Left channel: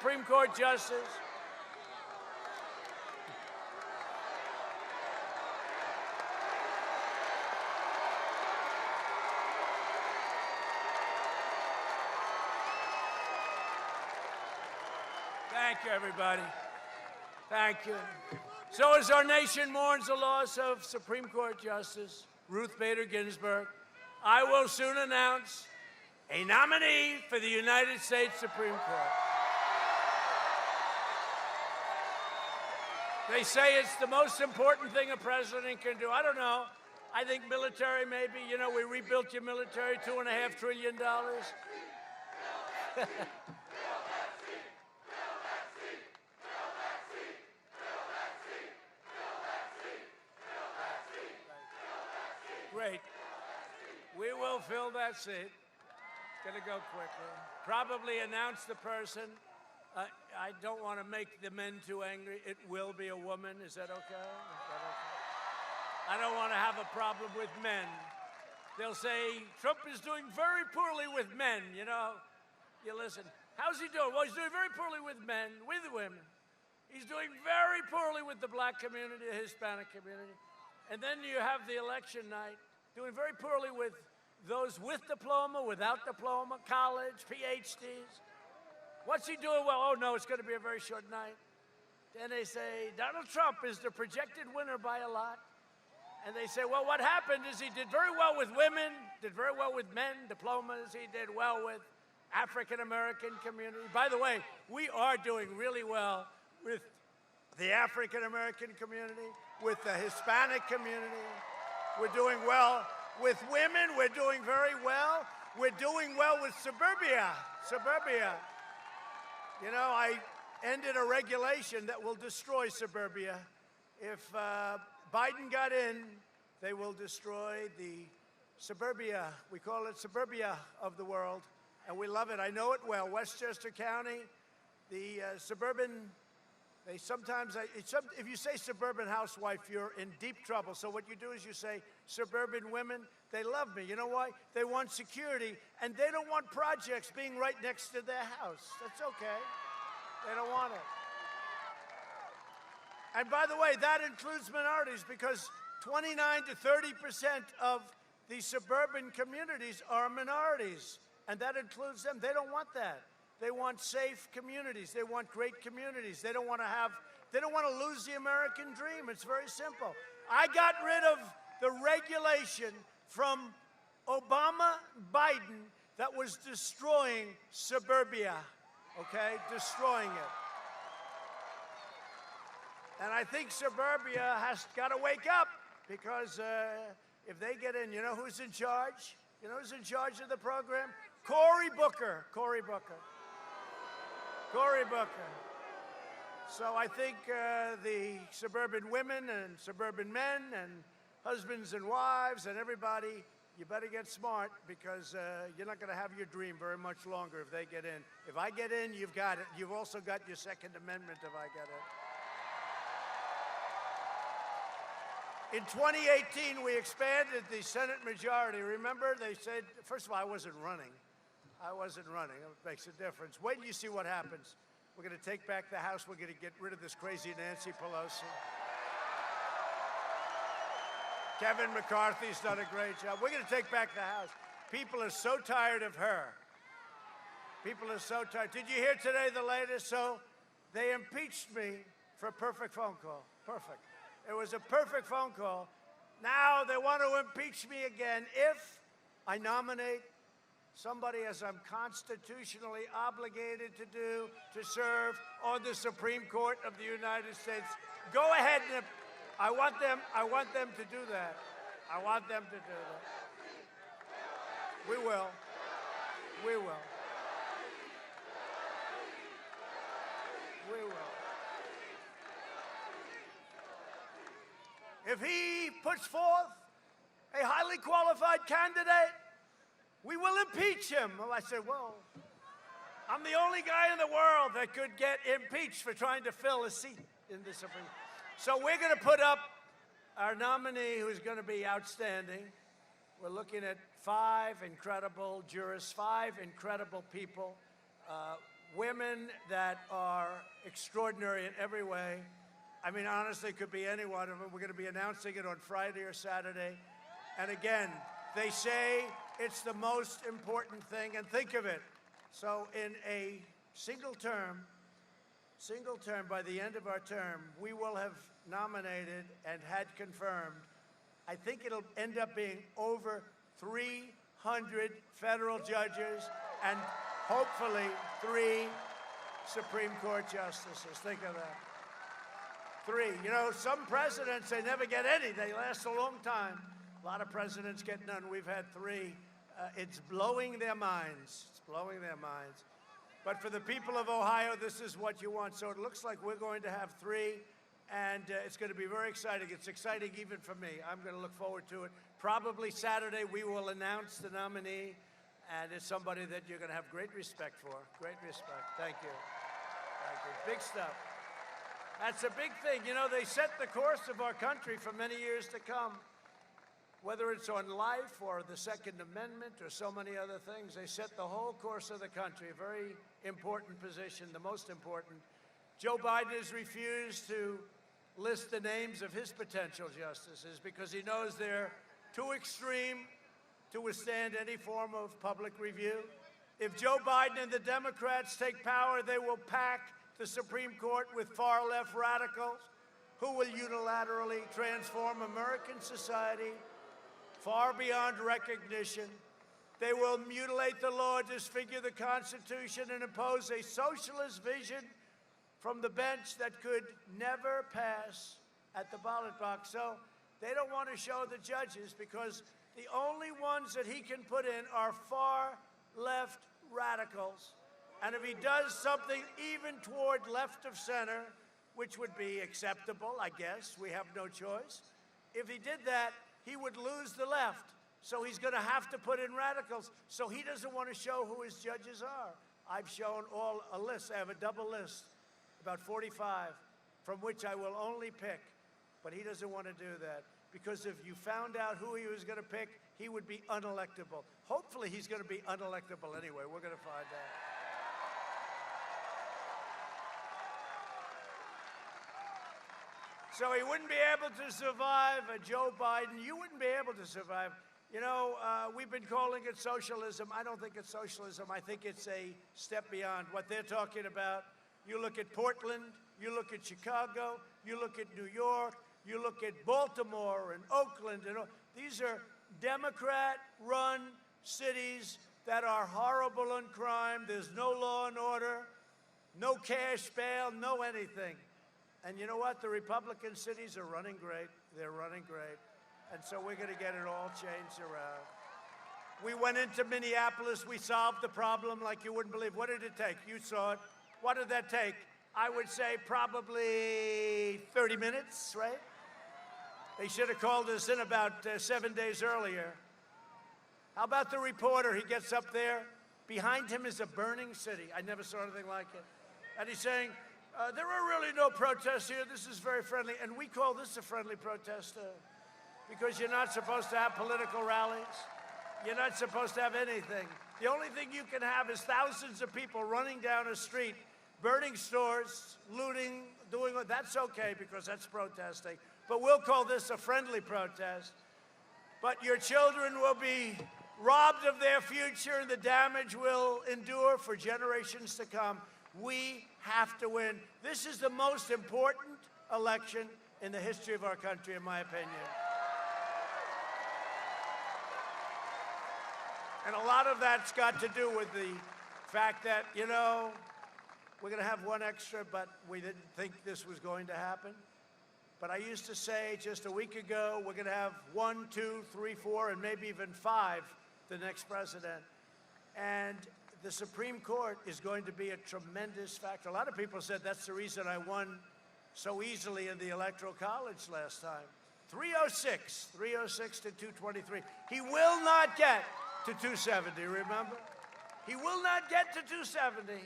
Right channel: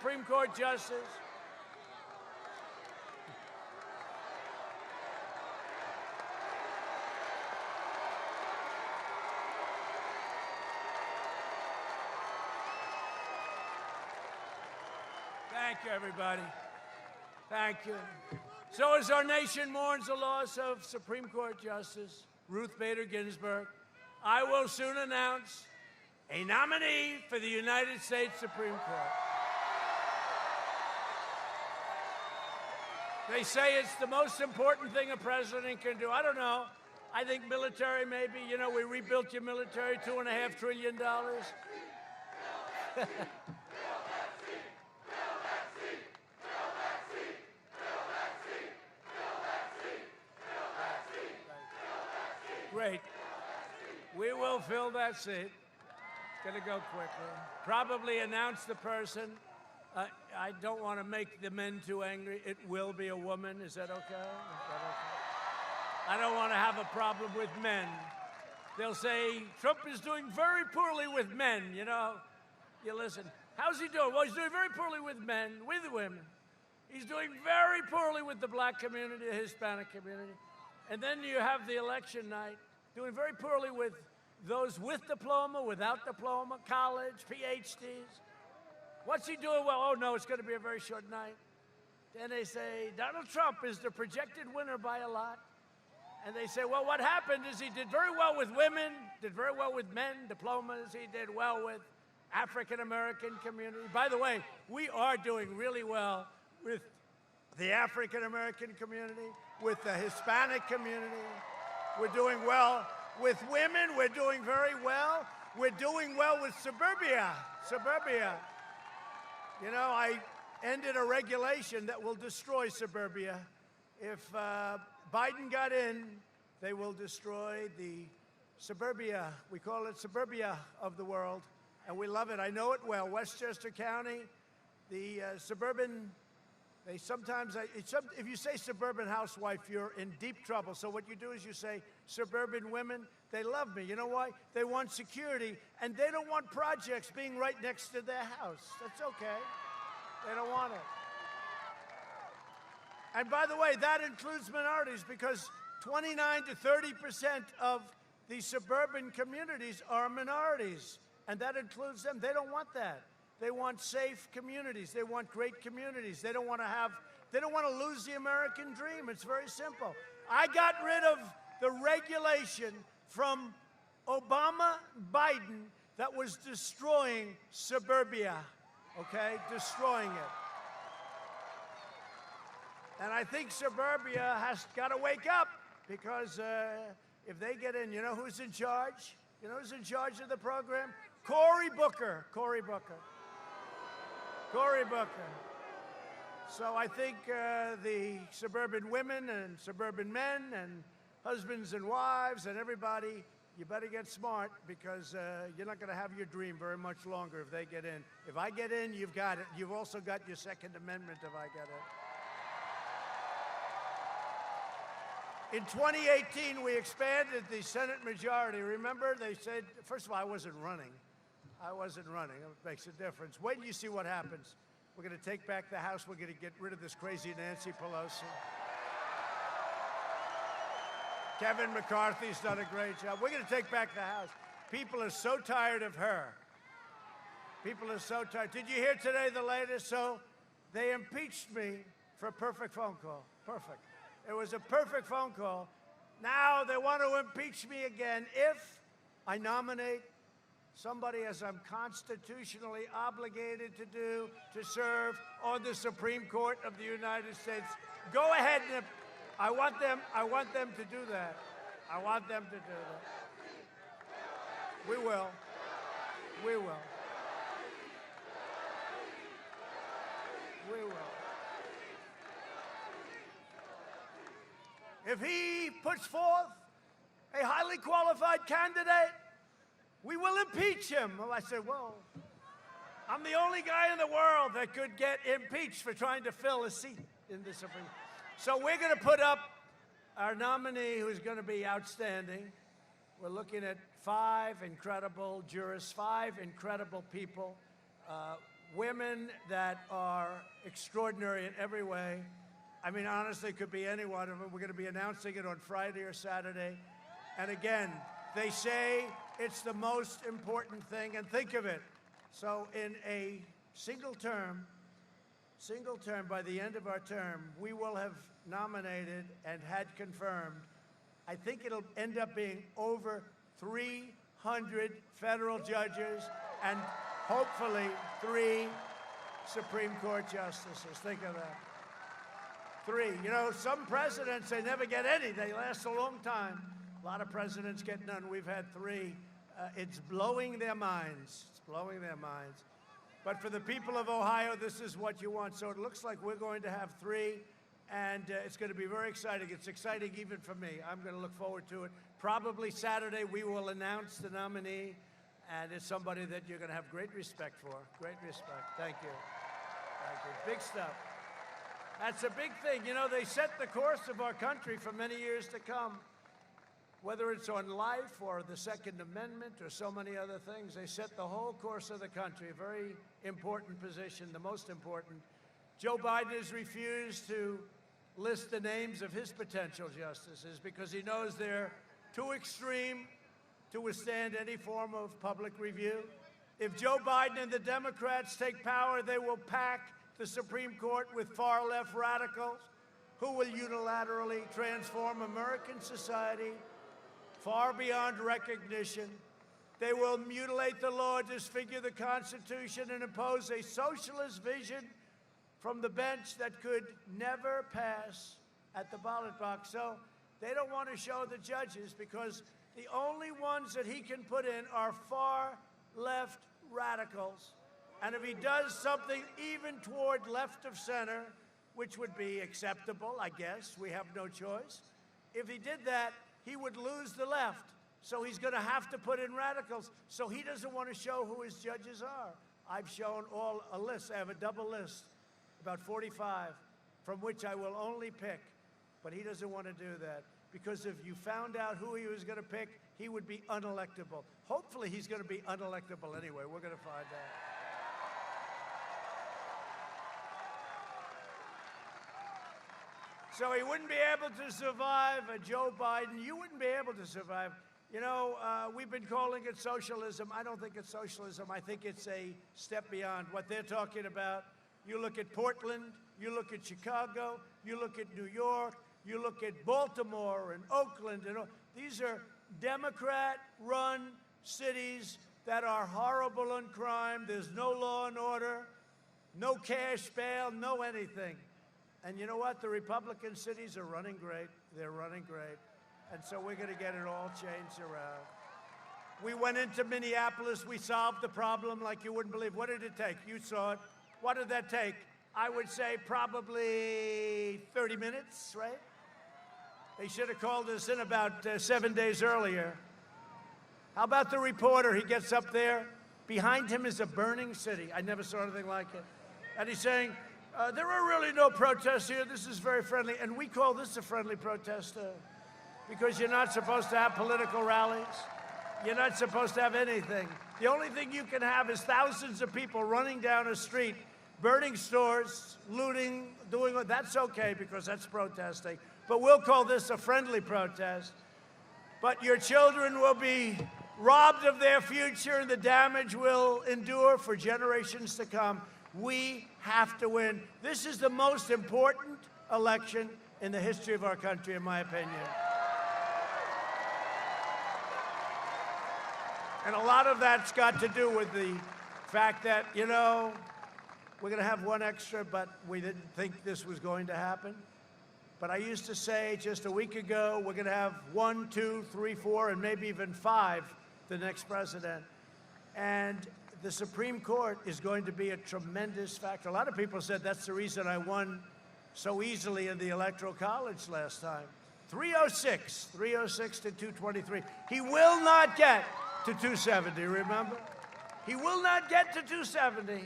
Supreme Court justice. Thank you, everybody. Thank you. So as our nation mourns the loss of Supreme Court Justice Ruth Bader Ginsburg, I will soon announce a nominee for the United States Supreme Court. They say it's the most important thing a president can do. I don't know. I think military, maybe. You know, we rebuilt your military, $2.5 trillion. Great. We will fill that seat. It's going to go quickly. Probably announce the person. I don't want to make the men too angry. It will be a woman. Is that okay? I don't want to have a problem with men. They'll say Trump is doing very poorly with men. You know, you listen. How's he doing? Well, he's doing very poorly with men, with women. He's doing very poorly with the black community, the Hispanic community. And then you have the election night, doing very poorly with those with diploma, without diploma, college, PhDs. What's he doing well? Oh, no, it's going to be a very short night. Then they say, Donald Trump is the projected winner by a lot. And they say, well, what happened is he did very well with women, did very well with men, diplomas. He did well with African-American community. By the way, we are doing really well with the African-American community, with the Hispanic community. We're doing well with women. We're doing very well. We're doing well with suburbia. You know, I ended a regulation that will destroy suburbia. If Biden got in, they will destroy the suburbia. We call it suburbia of the world, and we love it. I know it well. Westchester County, the suburban. They sometimes, if you say suburban housewife, you're in deep trouble. So what you do is you say suburban women. They love me. You know why? They want security, and they don't want projects being right next to their house. That's okay. They don't want it. And by the way, that includes minorities, because 29 to 30% of the suburban communities are minorities, and that includes them. They don't want that. They want safe communities. They want great communities. They don't want to lose the American dream. It's very simple. I got rid of the regulation from Obama, Biden, that was destroying suburbia, okay? Destroying it. And I think suburbia has got to wake up, because if they get in, you know who's in charge? You know who's in charge of the program? Cory Booker. So I think the suburban women and suburban men and husbands and wives and everybody, you better get smart, because you're not going to have your dream very much longer if they get in. If I get in, you've got it. You've also got your Second Amendment if I get it. In 2018, we expanded the Senate majority. Remember, they said, first of all, I wasn't running. It makes a difference. Wait till you see what happens. We're going to take back the House. We're going to get rid of this crazy Nancy Pelosi. Kevin McCarthy's done a great job. We're going to take back the House. People are so tired of her. People are so tired. Did you hear today the latest? So they impeached me for a perfect phone call. Perfect. It was a perfect phone call. Now they want to impeach me again if I nominate somebody, as I'm constitutionally obligated to do, to serve on the Supreme Court of the United States. Go ahead. I want them to do that. I want them to do that. We will. If he puts forth a highly qualified candidate, we will impeach him. Well, I said, well, I'm the only guy in the world that could get impeached for trying to fill a seat in the Supreme Court. So we're going to put up our nominee, who's going to be outstanding. We're looking at 5 incredible jurists, 5 incredible people. women that are extraordinary in every way. I mean, honestly, it could be any one of them. We're going to be announcing it on Friday or Saturday. And again, they say it's the most important thing. And think of it. So in a single term, by the end of our term, we will have nominated and had confirmed, I think it'll end up being over 300 federal judges and hopefully 3 Supreme Court justices. Think of that. 3. You know, some presidents, they never get any. They last a long time. A lot of presidents get none. We've had 3. It's blowing their minds. It's blowing their minds. But for the people of Ohio, this is what you want. So it looks like we're going to have 3, and it's going to be very exciting. It's exciting even for me. I'm going to look forward to it. Probably Saturday we will announce the nominee, and it's somebody that you're going to have great respect for. Great respect. Thank you. Thank you. Big stuff. That's a big thing. You know, they set the course of our country for many years to come. Whether it's on life or the Second Amendment or so many other things, they set the whole course of the country. A very important position, the most important. Joe Biden has refused to list the names of his potential justices because he knows they're too extreme to withstand any form of public review. If Joe Biden and the Democrats take power, they will pack the Supreme Court with far-left radicals who will unilaterally transform American society far beyond recognition. They will mutilate the law, disfigure the Constitution, and impose a socialist vision from the bench that could never pass at the ballot box. So they don't want to show the judges because the only ones that he can put in are far-left radicals. And if he does something even toward left of center, which would be acceptable, I guess, we have no choice. If he did that, he would lose the left. So he's going to have to put in radicals. So he doesn't want to show who his judges are. I've shown all a list. I have a double list, about 45, from which I will only pick. But he doesn't want to do that. Because if you found out who he was going to pick, he would be unelectable. Hopefully he's going to be unelectable anyway. We're going to find out. So he wouldn't be able to survive Joe Biden. You wouldn't be able to survive. You know, we've been calling it socialism. I don't think it's socialism. I think it's a step beyond what they're talking about. You look at Portland, you look at Chicago, you look at New York, you look at Baltimore and Oakland. And these are Democrat-run cities that are horrible in crime. There's no law and order, no cash bail, no anything. And you know what? The Republican cities are running great. They're running great. And so we're going to get it all changed around. We went into Minneapolis. We solved the problem like you wouldn't believe. What did it take? You saw it. What did that take? I would say probably 30 minutes, right? They should have called us in about 7 days earlier. How about the reporter? He gets up there. Behind him is a burning city. I never saw anything like it. And he's saying, there are really no protests here. This is very friendly. And we call this a friendly protest because you're not supposed to have political rallies. You're not supposed to have anything. The only thing you can have is thousands of people running down a street, burning stores, looting, doing what. That's okay because that's protesting. But we'll call this a friendly protest. But your children will be robbed of their future and the damage will endure for generations to come. We have to win. This is the most important election in the history of our country, in my opinion. And a lot of that's got to do with the fact that, you know, we're going to have one extra, but we didn't think this was going to happen. But I used to say just a week ago, we're going to have 1, 2, 3, 4, and maybe even 5 the next president. And the Supreme Court is going to be a tremendous factor. A lot of people said that's the reason I won so easily in the Electoral College last time. 306 to 223. He will not get to 270, remember? He will not get to 270.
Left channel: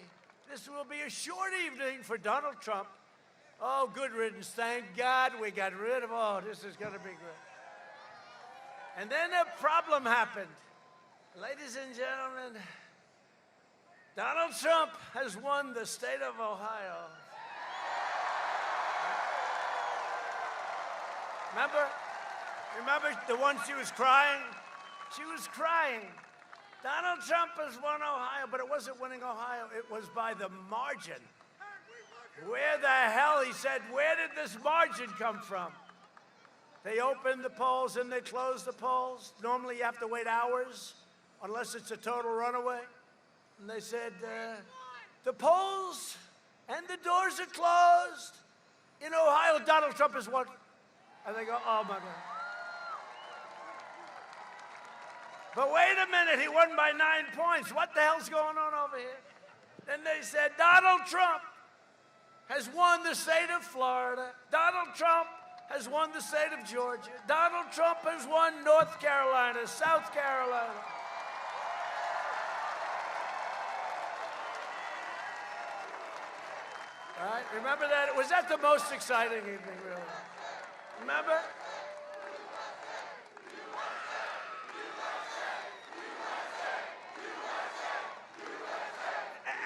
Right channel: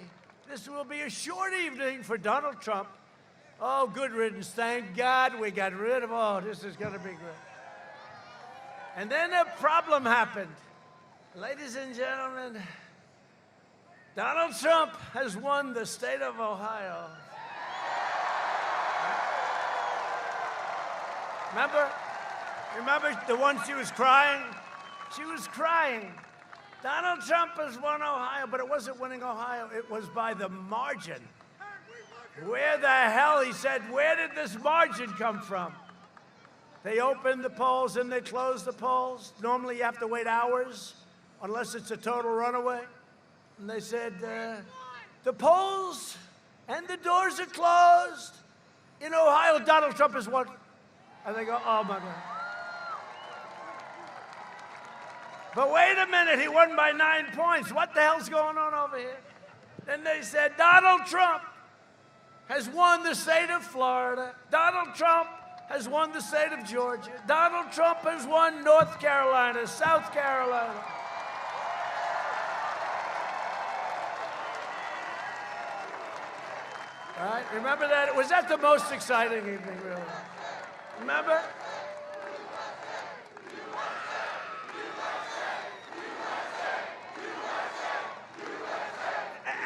This will be a short evening for Donald Trump. Oh, good riddance. Thank God we got rid of, oh, this is going to be good. And then a problem happened. Ladies and gentlemen, Donald Trump has won the state of Ohio. Remember the one she was crying? She was crying. Donald Trump has won Ohio, but it wasn't winning Ohio. It was by the margin. Where the hell, he said, where did this margin come from? They opened the polls and they closed the polls. Normally you have to wait hours, unless it's a total runaway. And they said, the polls and the doors are closed. In Ohio, Donald Trump has won. And they go, oh my God. But wait a minute, he won by 9 points. What the hell's going on over here? Then they said, Donald Trump has won the state of Florida. Donald Trump has won the state of Georgia. Donald Trump has won North Carolina, South Carolina. All right, remember that? Was that the most exciting evening, really? Remember?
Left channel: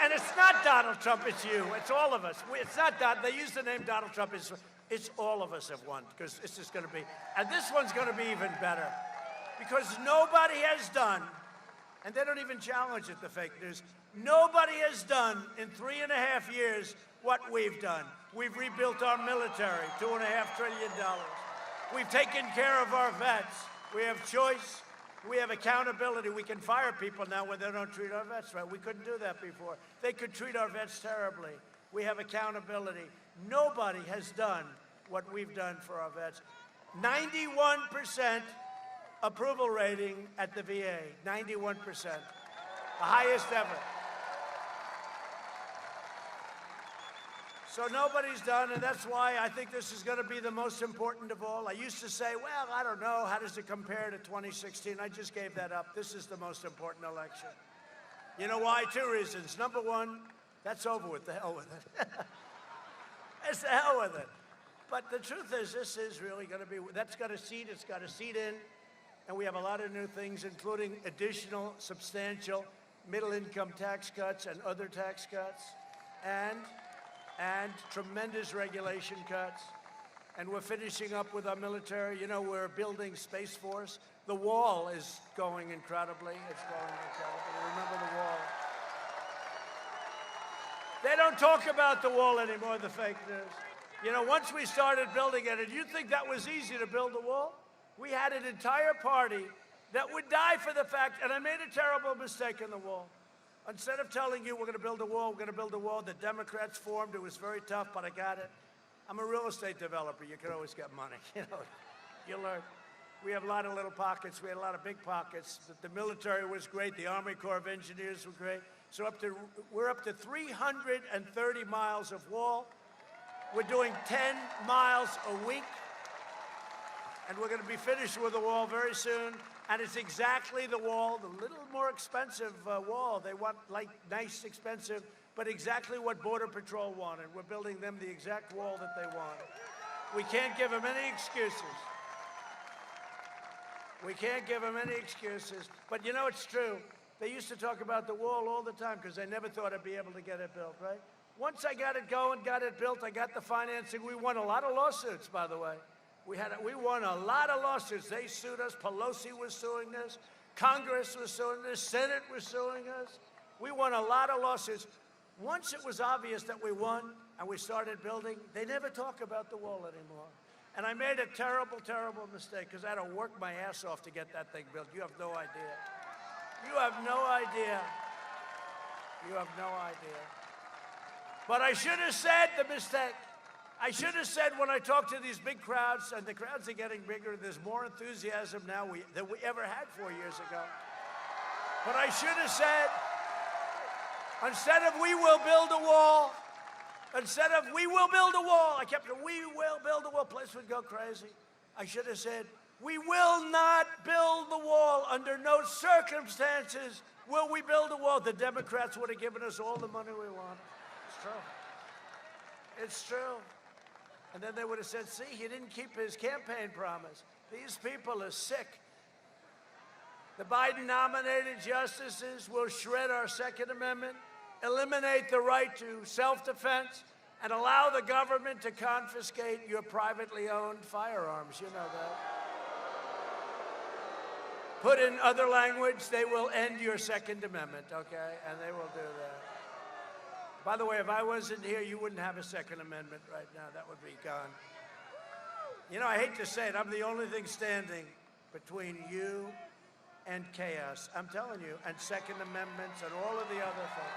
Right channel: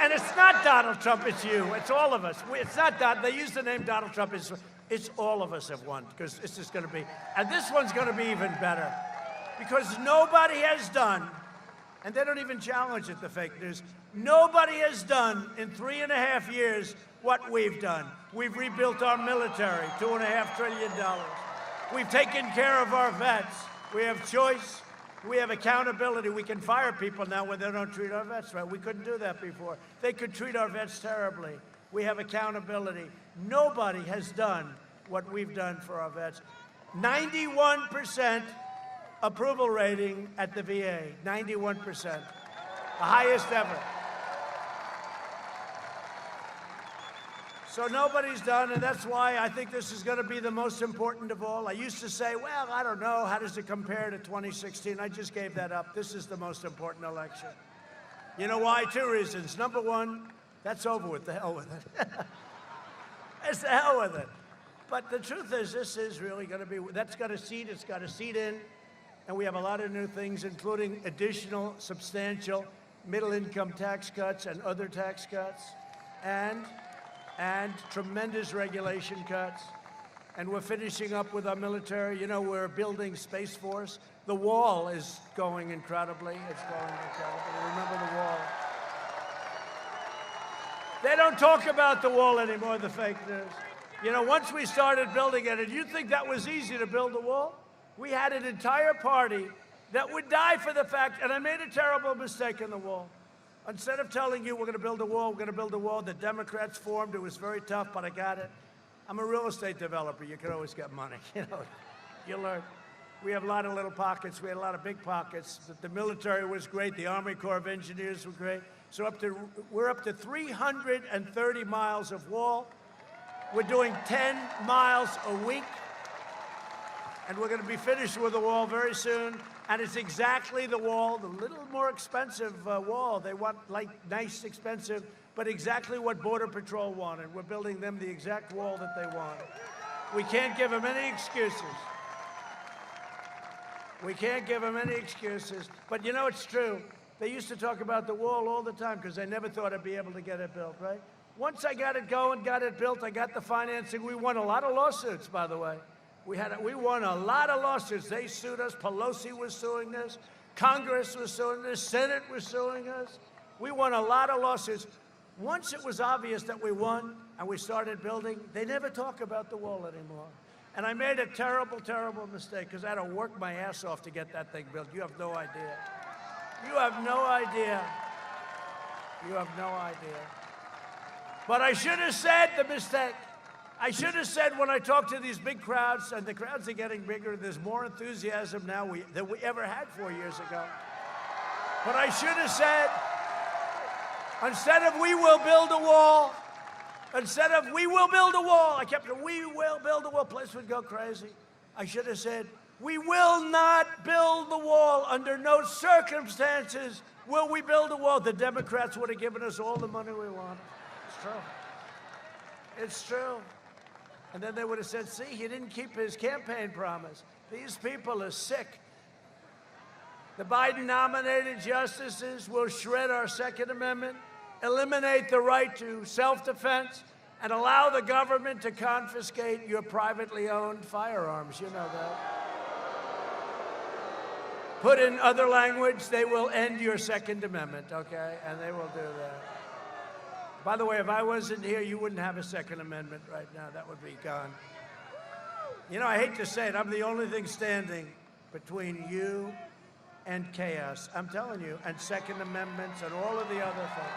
And it's not Donald Trump, it's you. It's all of us. It's not Donald. They use the name Donald Trump. It's all of us have won, because this is going to be, and this one's going to be even better, because nobody has done, and they don't even challenge it, the fake news, nobody has done in 3.5 years what we've done. We've rebuilt our military, $2.5 trillion. We've taken care of our vets. We have choice. We have accountability. We can fire people now when they don't treat our vets right. We couldn't do that before. They could treat our vets terribly. We have accountability. Nobody has done what we've done for our vets. 91% approval rating at the VA. 91%. The highest ever. So nobody's done, and that's why I think this is going to be the most important of all. I used to say, well, I don't know, how does it compare to 2016? I just gave that up. This is the most important election. You know why? 2 reasons. Number one, that's over with. The hell with it. It's the hell with it. But the truth is, this is really going to be, that's got a seat, it's got a seat in, and we have a lot of new things, including additional substantial middle-income tax cuts and other tax cuts, and tremendous regulation cuts. And we're finishing up with our military. You know, we're building Space Force. The wall is going incredibly. It's going incredibly. Remember the wall. They don't talk about the wall anymore, the fake news. You know, once we started building it, and you think that was easy to build the wall? We had an entire party that would die for the fact, and I made a terrible mistake in the wall. Instead of telling you we're going to build a wall, we're going to build a wall, the Democrats formed. It was very tough, but I got it. I'm a real estate developer. You can always get money. You know, you learn. We have a lot of little pockets. We had a lot of big pockets. The military was great. The Army Corps of Engineers were great. So we're up to 330 miles of wall. We're doing 10 miles a week. And we're going to be finished with the wall very soon. And it's exactly the wall, the little more expensive wall. They want, like, nice, expensive, but exactly what Border Patrol wanted. We're building them the exact wall that they wanted. We can't give them any excuses. We can't give them any excuses. But you know, it's true. They used to talk about the wall all the time because they never thought I'd be able to get it built, right? Once I got it going, got it built, I got the financing. We won a lot of lawsuits, by the way. We won a lot of lawsuits. They sued us. Pelosi was suing us. Congress was suing us. Senate was suing us. We won a lot of lawsuits. Once it was obvious that we won and we started building, they never talk about the wall anymore. And I made a terrible, terrible mistake because I had to work my ass off to get that thing built. You have no idea. You have no idea. You have no idea. But I should have said the mistake. I should have said when I talk to these big crowds, and the crowds are getting bigger, there's more enthusiasm now than we ever had 4 years ago. But I should have said, instead of we will build a wall, instead of we will build a wall, I kept saying, we will build a wall. Place would go crazy. I should have said, we will not build the wall. Under no circumstances will we build a wall. The Democrats would have given us all the money we wanted. It's true. It's true. And then they would have said, see, he didn't keep his campaign promise. These people are sick. The Biden-nominated justices will shred our Second Amendment. eliminate the right to self-defense, and allow the government to confiscate your privately owned firearms. You know that. Put in other language, they will end your Second Amendment, okay? And they will do that. By the way, if I wasn't here, you wouldn't have a Second Amendment right now. That would be gone. You know, I hate to say it, I'm the only thing standing between you and chaos. I'm telling you, and Second Amendments and all of the other things.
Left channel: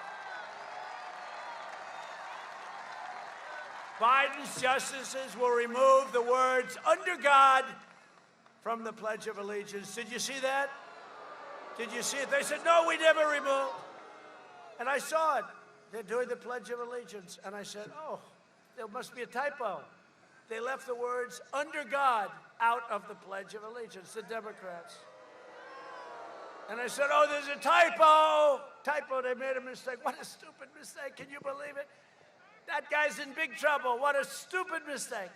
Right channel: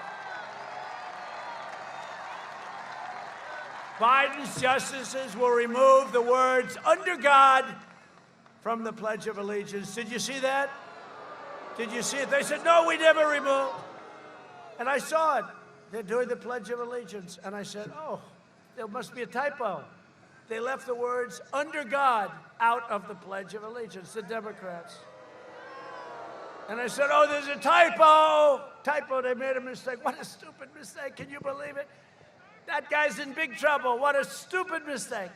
Biden's justices will remove the words "under God" from the Pledge of Allegiance. Did you see that? Did you see it? They said, no, we never removed. And I saw it. They're doing the Pledge of Allegiance. And I said, oh, there must be a typo. They left the words "under God" out of the Pledge of Allegiance, the Democrats. And I said, oh, there's a typo. Typo, they made a mistake. What a stupid mistake. Can you believe it? That guy's in big trouble. What a stupid mistake.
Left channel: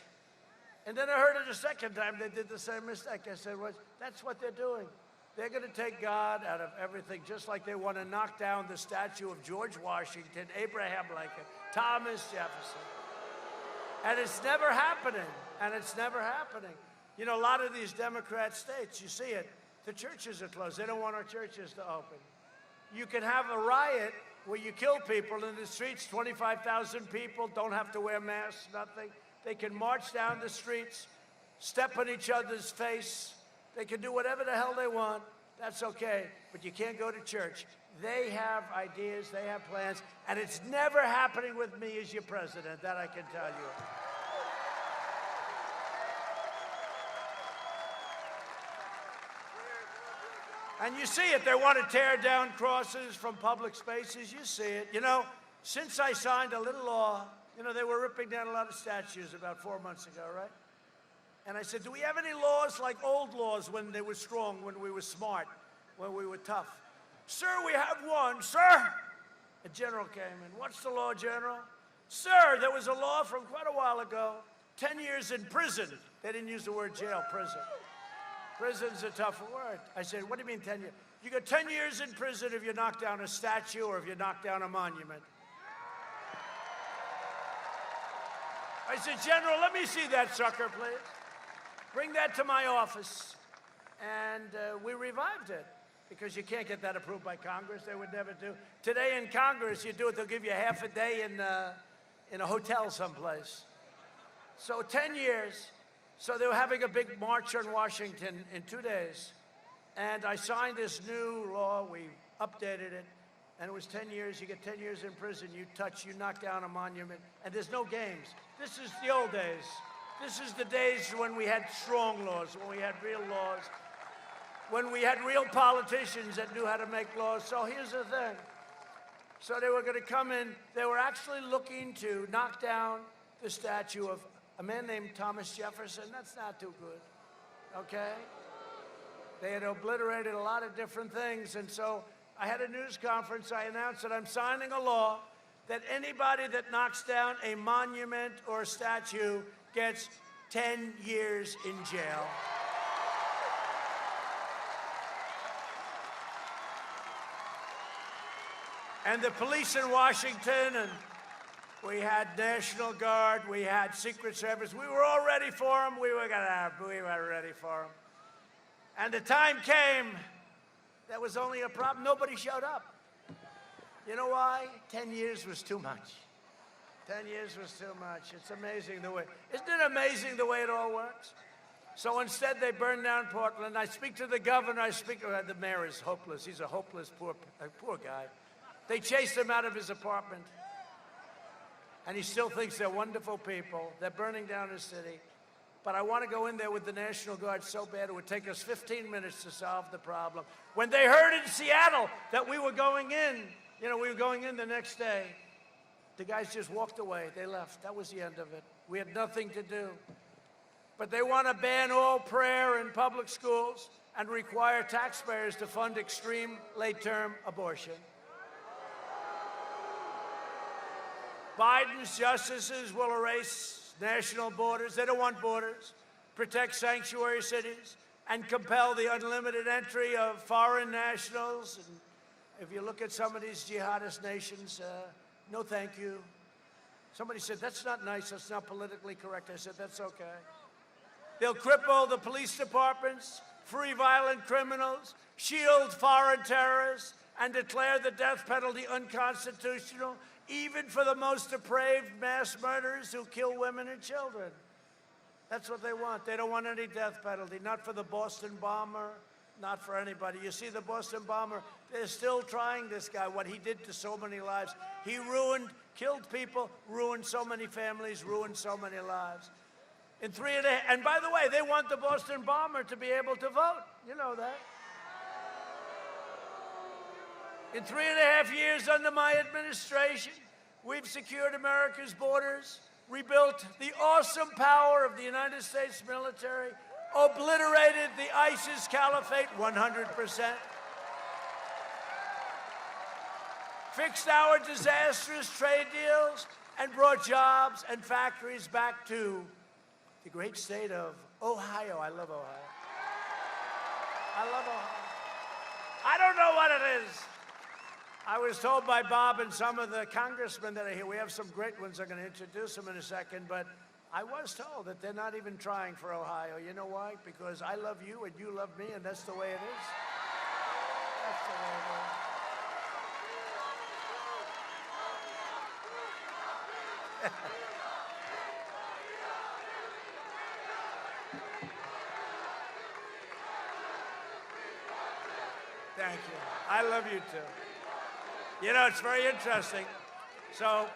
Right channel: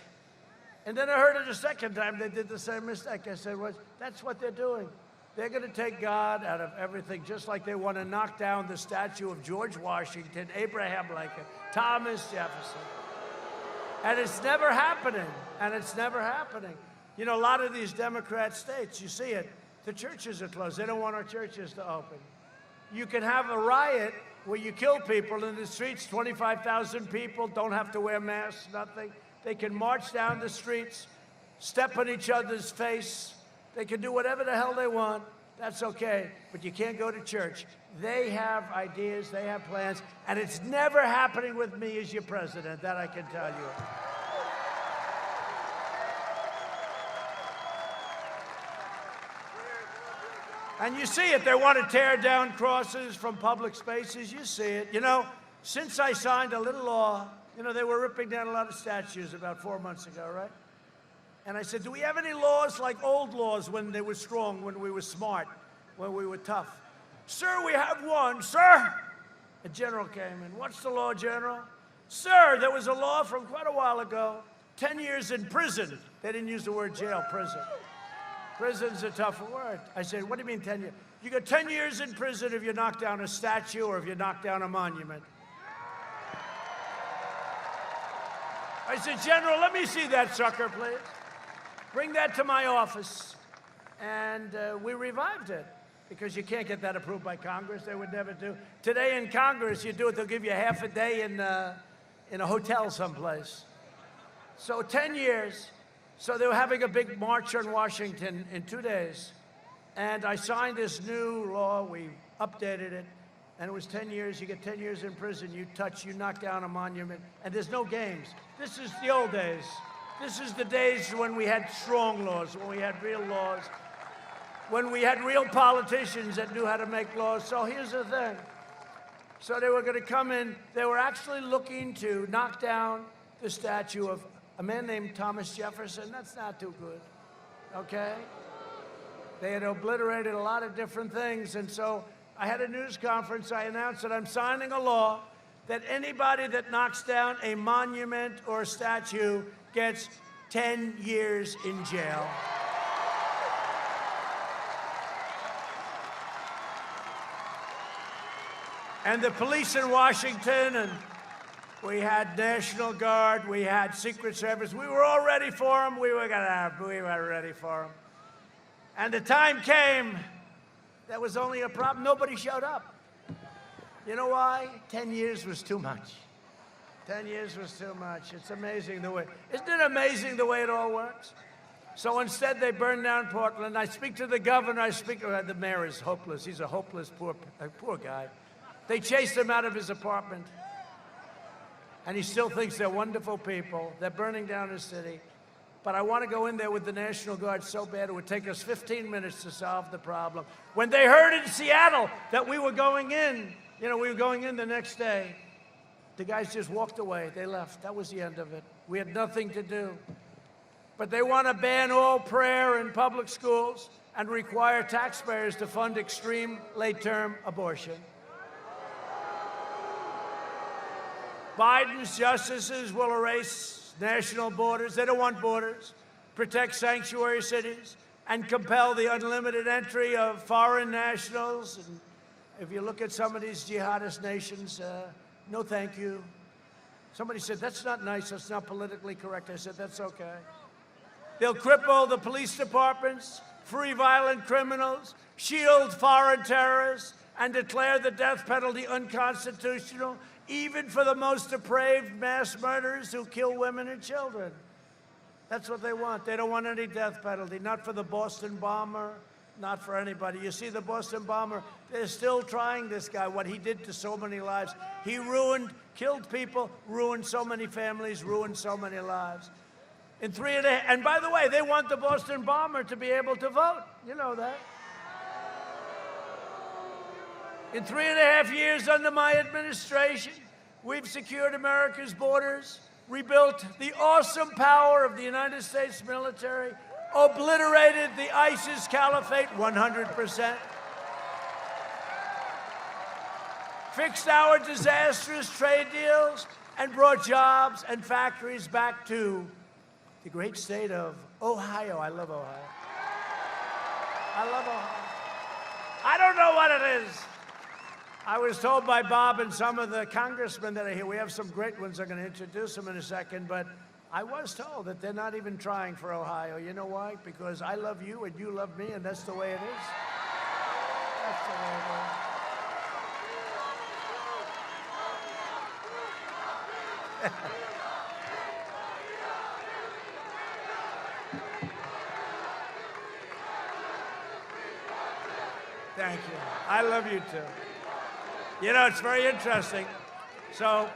And then I heard it a second time. They did the same mistake. I said, well, that's what they're doing. They're going to take God out of everything, just like they want to knock down the statue of George Washington, Abraham Lincoln, Thomas Jefferson. And it's never happening. And it's never happening. You know, a lot of these Democrat states, you see it, the churches are closed. They don't want our churches to open. You can have a riot where you kill people in the streets, 25,000 people, don't have to wear masks, nothing. They can march down the streets, step on each other's face. They can do whatever the hell they want. That's okay, but you can't go to church. They have ideas, they have plans, and it's never happening with me as your president, that I can tell you. And you see it. They want to tear down crosses from public spaces. You see it. You know, since I signed a little law, you know, they were ripping down a lot of statues about 4 months ago, right? And I said, do we have any laws like old laws when they were strong, when we were smart, when we were tough? Sir, we have one. Sir! A general came in. What's the law, General? Sir, there was a law from quite a while ago, 10 years in prison. They didn't use the word jail, prison. Prison's a tough word. I said, what do you mean 10 years? You got 10 years in prison if you knock down a statue or if you knock down a monument. I said, General, let me see that sucker, please. Bring that to my office. And we revived it because you can't get that approved by Congress. They would never do. Today in Congress, you do it, they'll give you half a day in a hotel someplace. So 10 years. So they were having a big march on Washington in 2 days. And I signed this new law. We updated it. And it was 10 years. You get 10 years in prison. You knock down a monument. And there's no games. This is the old days. This is the days when we had strong laws, when we had real laws, when we had real politicians that knew how to make laws. So here's the thing. So they were going to come in. They were actually looking to knock down the statue of a man named Thomas Jefferson. That's not too good, okay? They had obliterated a lot of different things. And so I had a news conference. I announced that I'm signing a law that anybody that knocks down a monument or a statue gets 10 years in jail. And the police in Washington, and we had National Guard, we had Secret Service. We were all ready for them. We were ready for them. And the time came, there was only a problem. Nobody showed up. You know why? 10 years was too much. 10 years was too much. It's amazing the way. Isn't it amazing the way it all works? So instead, they burned down Portland. I speak to the governor. The mayor is hopeless. He's a hopeless, poor guy. They chased him out of his apartment. And he still thinks they're wonderful people. They're burning down his city. But I want to go in there with the National Guard so bad it would take us 15 minutes to solve the problem. When they heard in Seattle that we were going in, we were going in the next day, the guys just walked away. They left. That was the end of it. We had nothing to do. But they want to ban all prayer in public schools and require taxpayers to fund extreme late-term abortion. Biden's justices will erase national borders. They don't want borders. Protect sanctuary cities and compel the unlimited entry of foreign nationals and If you look at some of these jihadist nations, no thank you. Somebody said, that's not nice, that's not politically correct. I said, that's okay. They'll cripple the police departments, free violent criminals, shield foreign terrorists, and declare the death penalty unconstitutional, even for the most depraved mass murderers who kill women and children. That's what they want. They don't want any death penalty, not for the Boston bomber, not for anybody. You see, the Boston bomber, they're still trying this guy, what he did to so many lives. He killed people, ruined so many families, ruined so many lives. And by the way, they want the Boston bomber to be able to vote. You know that. In 3.5 years under my administration, we've secured America's borders, rebuilt the awesome power of the United States military, obliterated the ISIS caliphate 100%, fixed our disastrous trade deals, and brought jobs and factories back to the great state of Ohio. I love Ohio. I love Ohio. I don't know what it is. I was told by Bob and some of the congressmen that are here, we have some great ones, I'm going to introduce them in a second, but I was told that they're not even trying for Ohio. You know why? Because I love you and you love me, and that's the way it is. That's the way it is. Thank you. I love you too. You know, it's very interesting. So,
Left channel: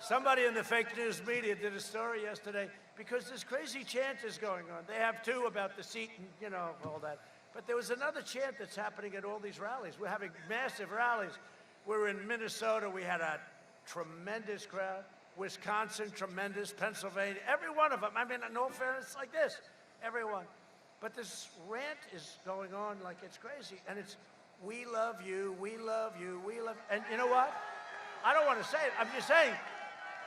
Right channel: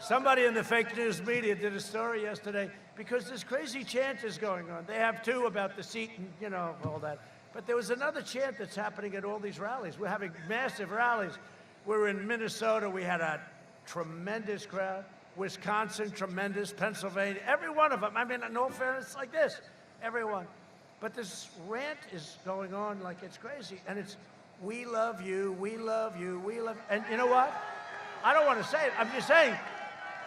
somebody in the fake news media did a story yesterday because this crazy chant is going on. They have two about the seat and, you know, all that. But there was another chant that's happening at all these rallies. We're having massive rallies. We're in Minnesota. We had a tremendous crowd. Wisconsin, tremendous. Pennsylvania, every one of them. I mean, in all fairness, like this, everyone. But this rant is going on like it's crazy. And it's, we love you, we love you, we love, and you know what? I don't want to say it. I'm just saying,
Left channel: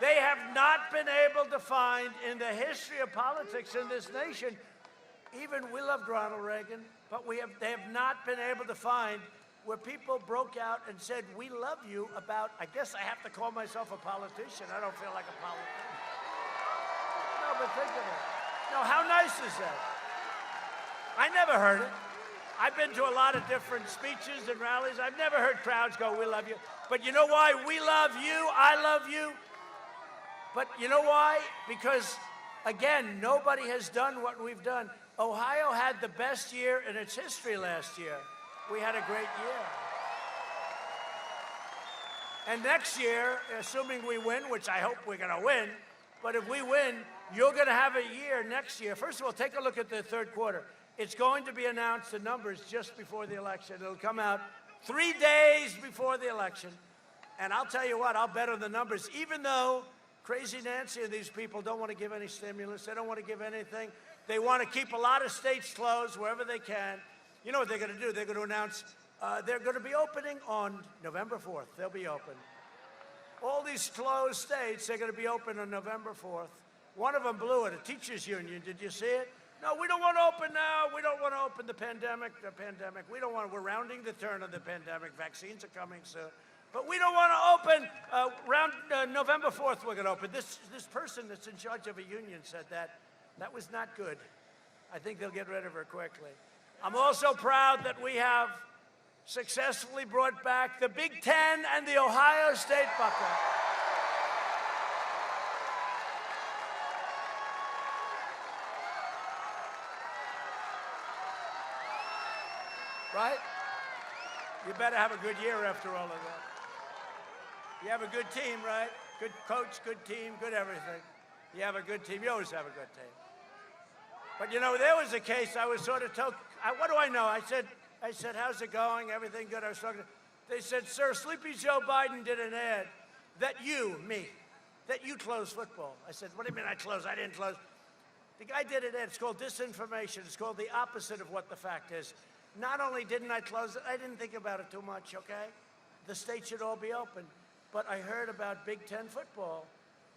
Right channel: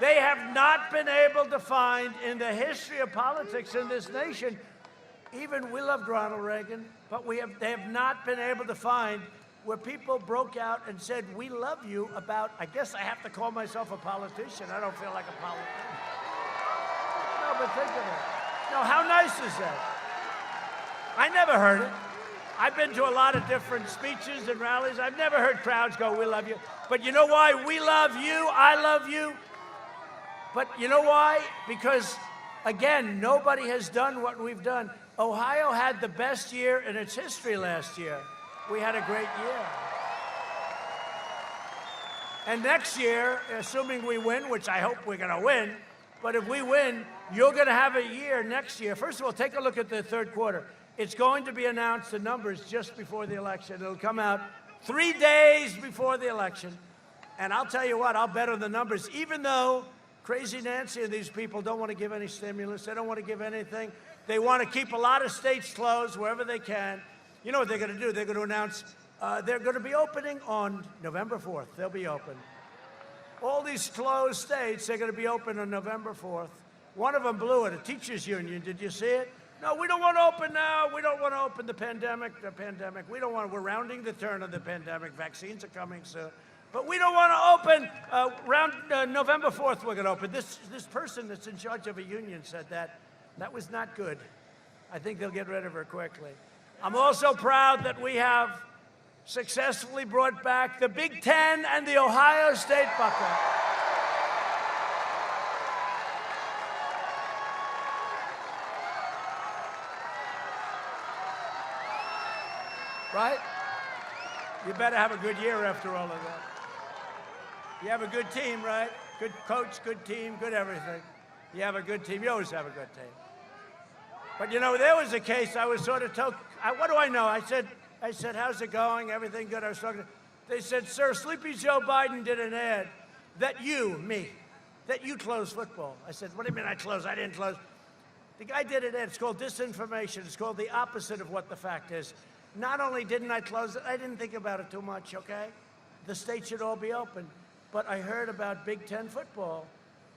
they have not been able to find in the history of politics in this nation, even we loved Ronald Reagan, but they have not been able to find where people broke out and said, we love you about, I guess I have to call myself a politician. I don't feel like a politician. No, but think of it. No, how nice is that? I never heard it. I've been to a lot of different speeches and rallies. I've never heard crowds go, we love you. But you know why? We love you. I love you. But you know why? Because, again, nobody has done what we've done. Ohio had the best year in its history last year. We had a great year. And next year, assuming we win, which I hope we're going to win, but if we win, you're going to have a year next year. First of all, take a look at the third quarter. It's going to be announced, the numbers, just before the election. It'll come out 3 days before the election. And I'll tell you what, I'll bet on the numbers, even though Crazy Nancy and these people don't want to give any stimulus. They don't want to give anything. They want to keep a lot of states closed wherever they can. You know what they're going to do? They're going to announce they're going to be opening on November 4th. They'll be open. All these closed states, they're going to be open on November 4th. One of them blew it, a teachers union. Did you see it? No, we don't want to open now. We don't want to open the pandemic. We don't want to. We're rounding the turn of the pandemic. Vaccines are coming soon. But we don't want to open around November 4th. We're going to open. This person that's in charge of a union said that. That was not good. I think they'll get rid of her quickly. I'm also proud that we have successfully brought back the Big Ten and the Ohio State Buckle. Right? You better have a good year after all of that. You have a good team, right? Good coach, good team, good everything. You have a good team. You always have a good team. But, you know, there was a case I was sort of told, what do I know? I said, how's it going? Everything good? I was talking. They said, sir, Sleepy Joe Biden did an ad that you close football. I said, what do you mean I close? I didn't close. The guy did an ad. It's called disinformation. It's called the opposite of what the fact is. Not only didn't I close it, I didn't think about it too much, okay? The states should all be open. But I heard about Big Ten football.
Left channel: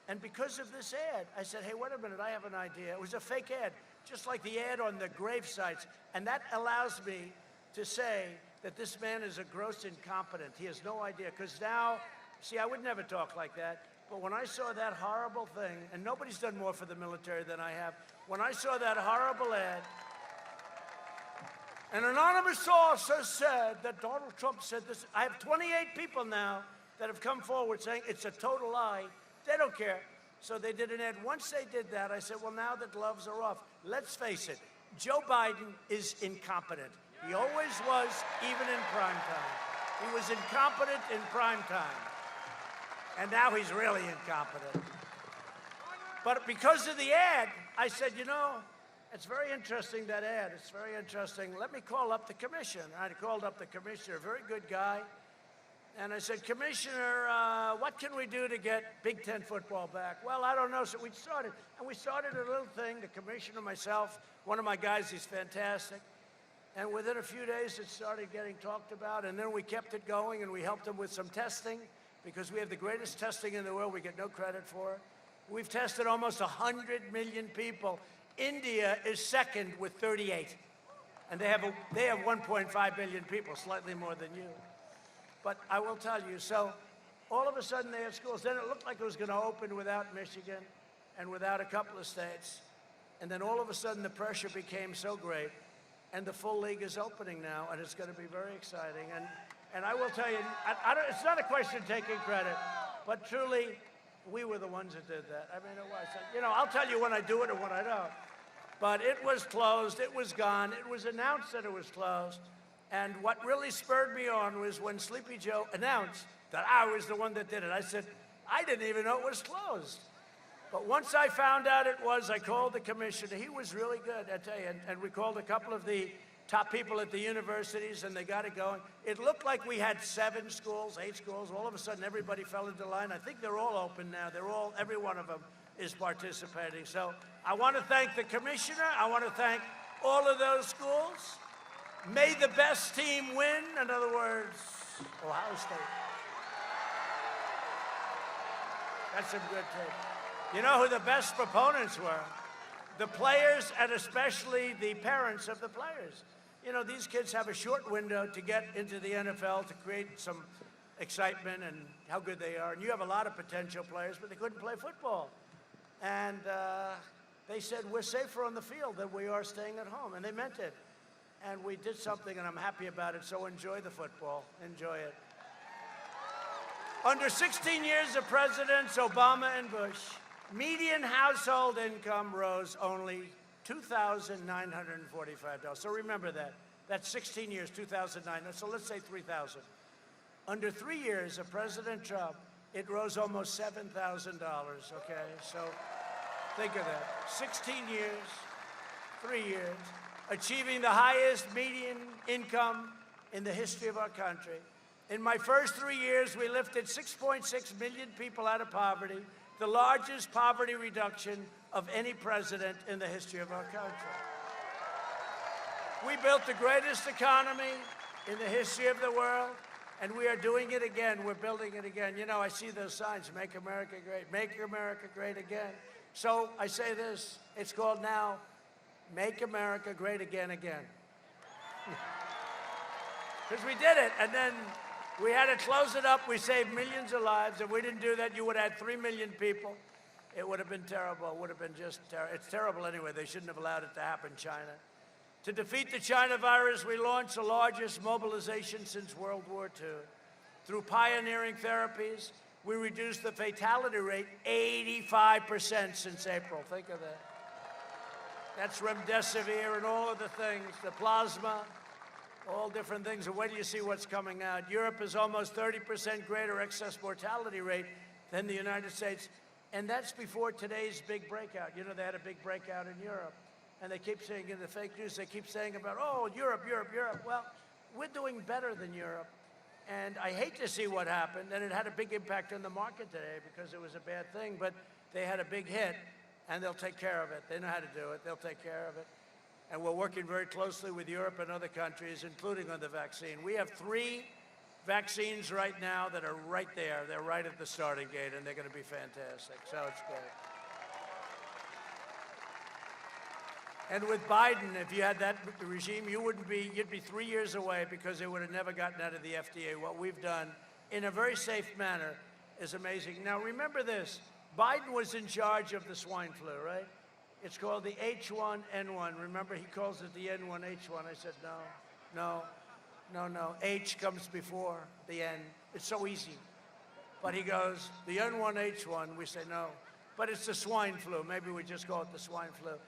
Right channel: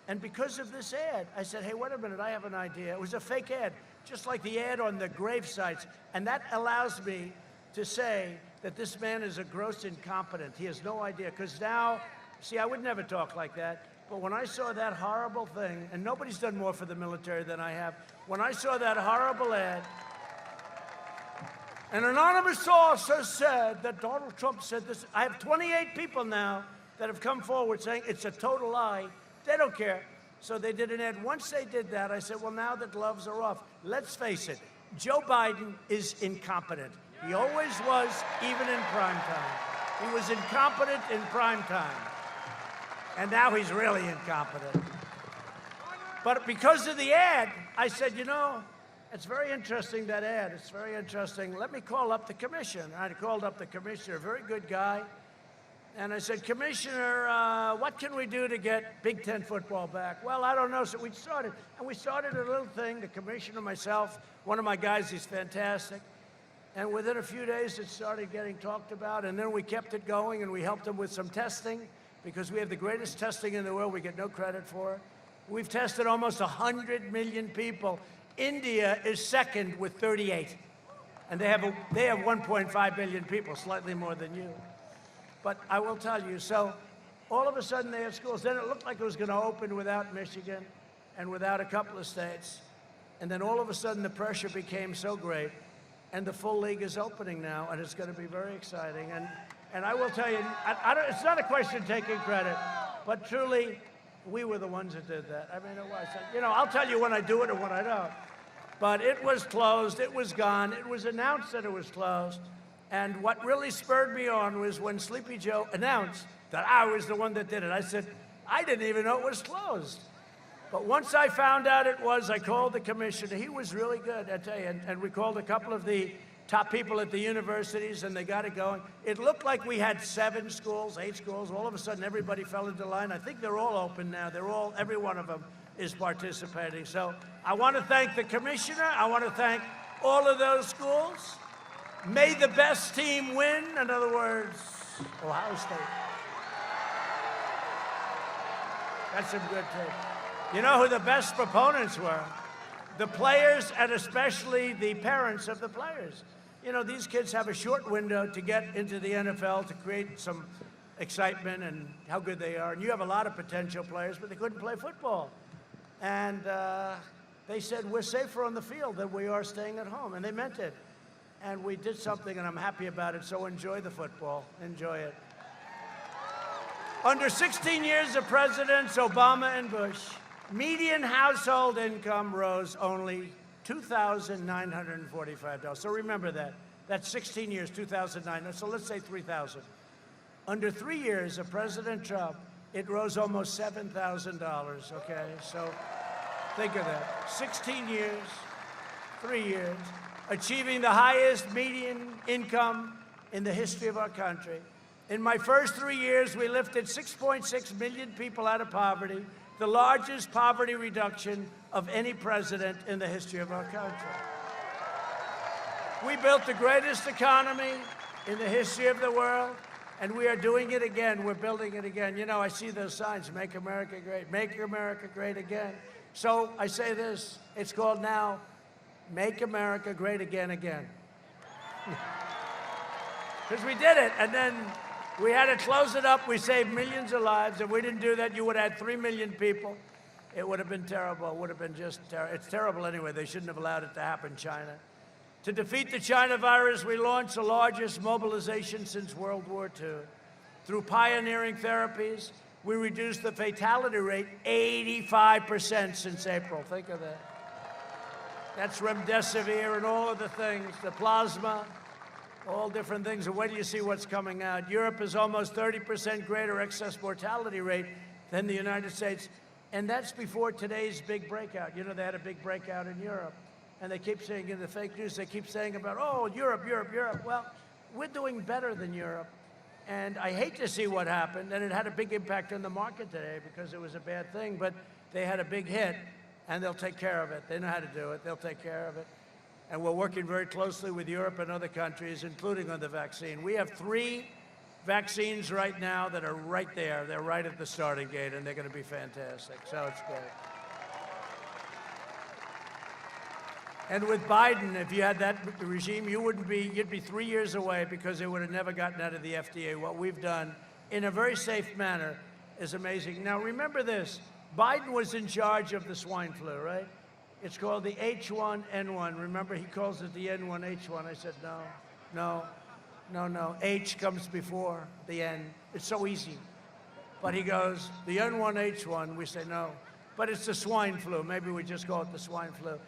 And because of this ad, I said, hey, wait a minute, I have an idea. It was a fake ad, just like the ad on the grave sites. And that allows me to say that this man is a gross incompetent. He has no idea. Because now, see, I would never talk like that. But when I saw that horrible thing, and nobody's done more for the military than I have, when I saw that horrible ad, an anonymous source has said that Donald Trump said this. I have 28 people now that have come forward saying it's a total lie. They don't care. So they did an ad. Once they did that, I said, well, now the gloves are off. Let's face it, Joe Biden is incompetent. He always was, even in prime time. He was incompetent in prime time. And now he's really incompetent. But because of the ad, I said, you know, it's very interesting, that ad. It's very interesting. Let me call up the commission. I called up the commissioner, a very good guy. And I said, Commissioner, what can we do to get Big Ten football back? Well, I don't know. So we started. And we started a little thing, the commissioner, myself, one of my guys, he's fantastic. And within a few days, it started getting talked about. And then we kept it going, and we helped them with some testing, because we have the greatest testing in the world. We get no credit for it. We've tested almost 100 million people. India is second with 38. And they have 1.5 billion people, slightly more than you. But I will tell you, so all of a sudden they have schools. Then it looked like it was going to open without Michigan and without a couple of states. And then all of a sudden the pressure became so great. And the full league is opening now, and it's going to be very exciting. And I will tell you, it's not a question of taking credit, but truly, we were the ones that did that. I mean, it was. You know, I'll tell you when I do it and when I don't. But it was closed. It was gone. It was announced that it was closed. And what really spurred me on was when Sleepy Joe announced that I was the one that did it. I said, I didn't even know it was closed. But once I found out it was, I called the commissioner. He was really good, I tell you. And we called a couple of the top people at the universities, and they got it going. It looked like we had 7 schools, 8 schools. All of a sudden, everybody fell into line. I think they're all open now. Every one of them is participating. So I want to thank the commissioner. I want to thank all of those schools. May the best team win. In other words, Ohio State. That's some good tape. You know who the best proponents were? The players, and especially the parents of the players. You know, these kids have a short window to get into the NFL to create some excitement and how good they are. And you have a lot of potential players, but they couldn't play football. And they said, we're safer on the field than we are staying at home. And they meant it. And we did something, and I'm happy about it. So enjoy the football. Enjoy it. Under 16 years of presidents Obama and Bush, median household income rose only $2,945. So remember that. That's 16 years, 2009. So let's say 3,000. Under 3 years of President Trump, it rose almost $7,000. Okay, so think of that. 16 years, 3 years, achieving the highest median income in the history of our country. In my first 3 years, we lifted 6.6 million people out of poverty, the largest poverty reduction of any president in the history of our country. We built the greatest economy in the history of the world, and we are doing it again. We're building it again. You know, I see those signs, Make America Great, Make America Great Again. So I say this, it's called now, Make America Great Again, again. Because we did it, and then we had to close it up. We saved millions of lives. If we didn't do that, you would have had 3 million people. It would have been terrible. It would have been just terrible. It's terrible anyway. They shouldn't have allowed it to happen in China. To defeat the China virus, we launched the largest mobilization since World War II. Through pioneering therapies, we reduced the fatality rate 85% since April. Think of that. That's remdesivir and all of the things, the plasma, all different things. And wait till you see what's coming out. Europe is almost 30% greater excess mortality rate than the United States. And that's before today's big breakout. You know, they had a big breakout in Europe. And they keep saying in the fake news, they keep saying about, oh, Europe, Europe, Europe. Well, we're doing better than Europe. And I hate to see what happened. And it had a big impact on the market today because it was a bad thing. But they had a big hit, and they'll take care of it. They know how to do it. They'll take care of it. And we're working very closely with Europe and other countries, including on the vaccine. We have 3 vaccines right now that are right there. They're right at the starting gate, and they're going to be fantastic. So it's great. And with Biden, if you had that regime, you'd be 3 years away because it would have never gotten out of the FDA. What we've done in a very safe manner is amazing. Now, remember this. Biden was in charge of the swine flu, right? It's called the H1N1. Remember, he calls it the N1H1. I said, no. H comes before the N. It's so easy. But he goes, the N1H1. We say, no. But it's the swine flu. Maybe we just call it the swine flu.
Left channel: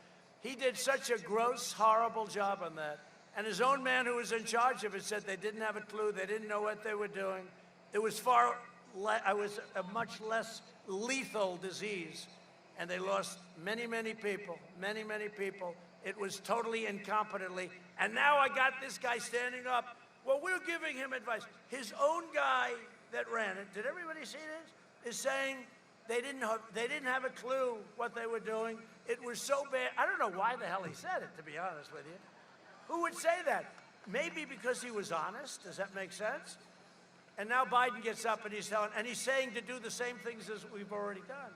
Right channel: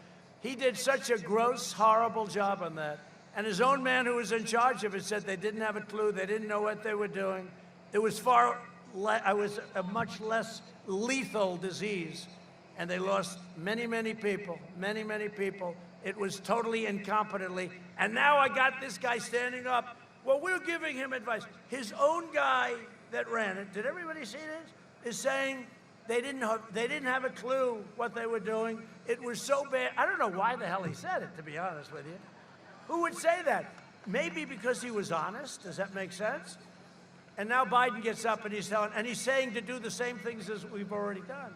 He did such a gross, horrible job on that. And his own man who was in charge of it said they didn't have a clue. They didn't know what they were doing. It was a much less lethal disease. And they lost many, many people, many, many people. It was totally incompetently. And now I got this guy standing up. Well, we're giving him advice. His own guy that ran it, did everybody see this? Is saying they didn't have a clue what they were doing. It was so bad. I don't know why the hell he said it, to be honest with you. Who would say that? Maybe because he was honest. Does that make sense? And now Biden gets up and he's saying to do the same things as we've already done.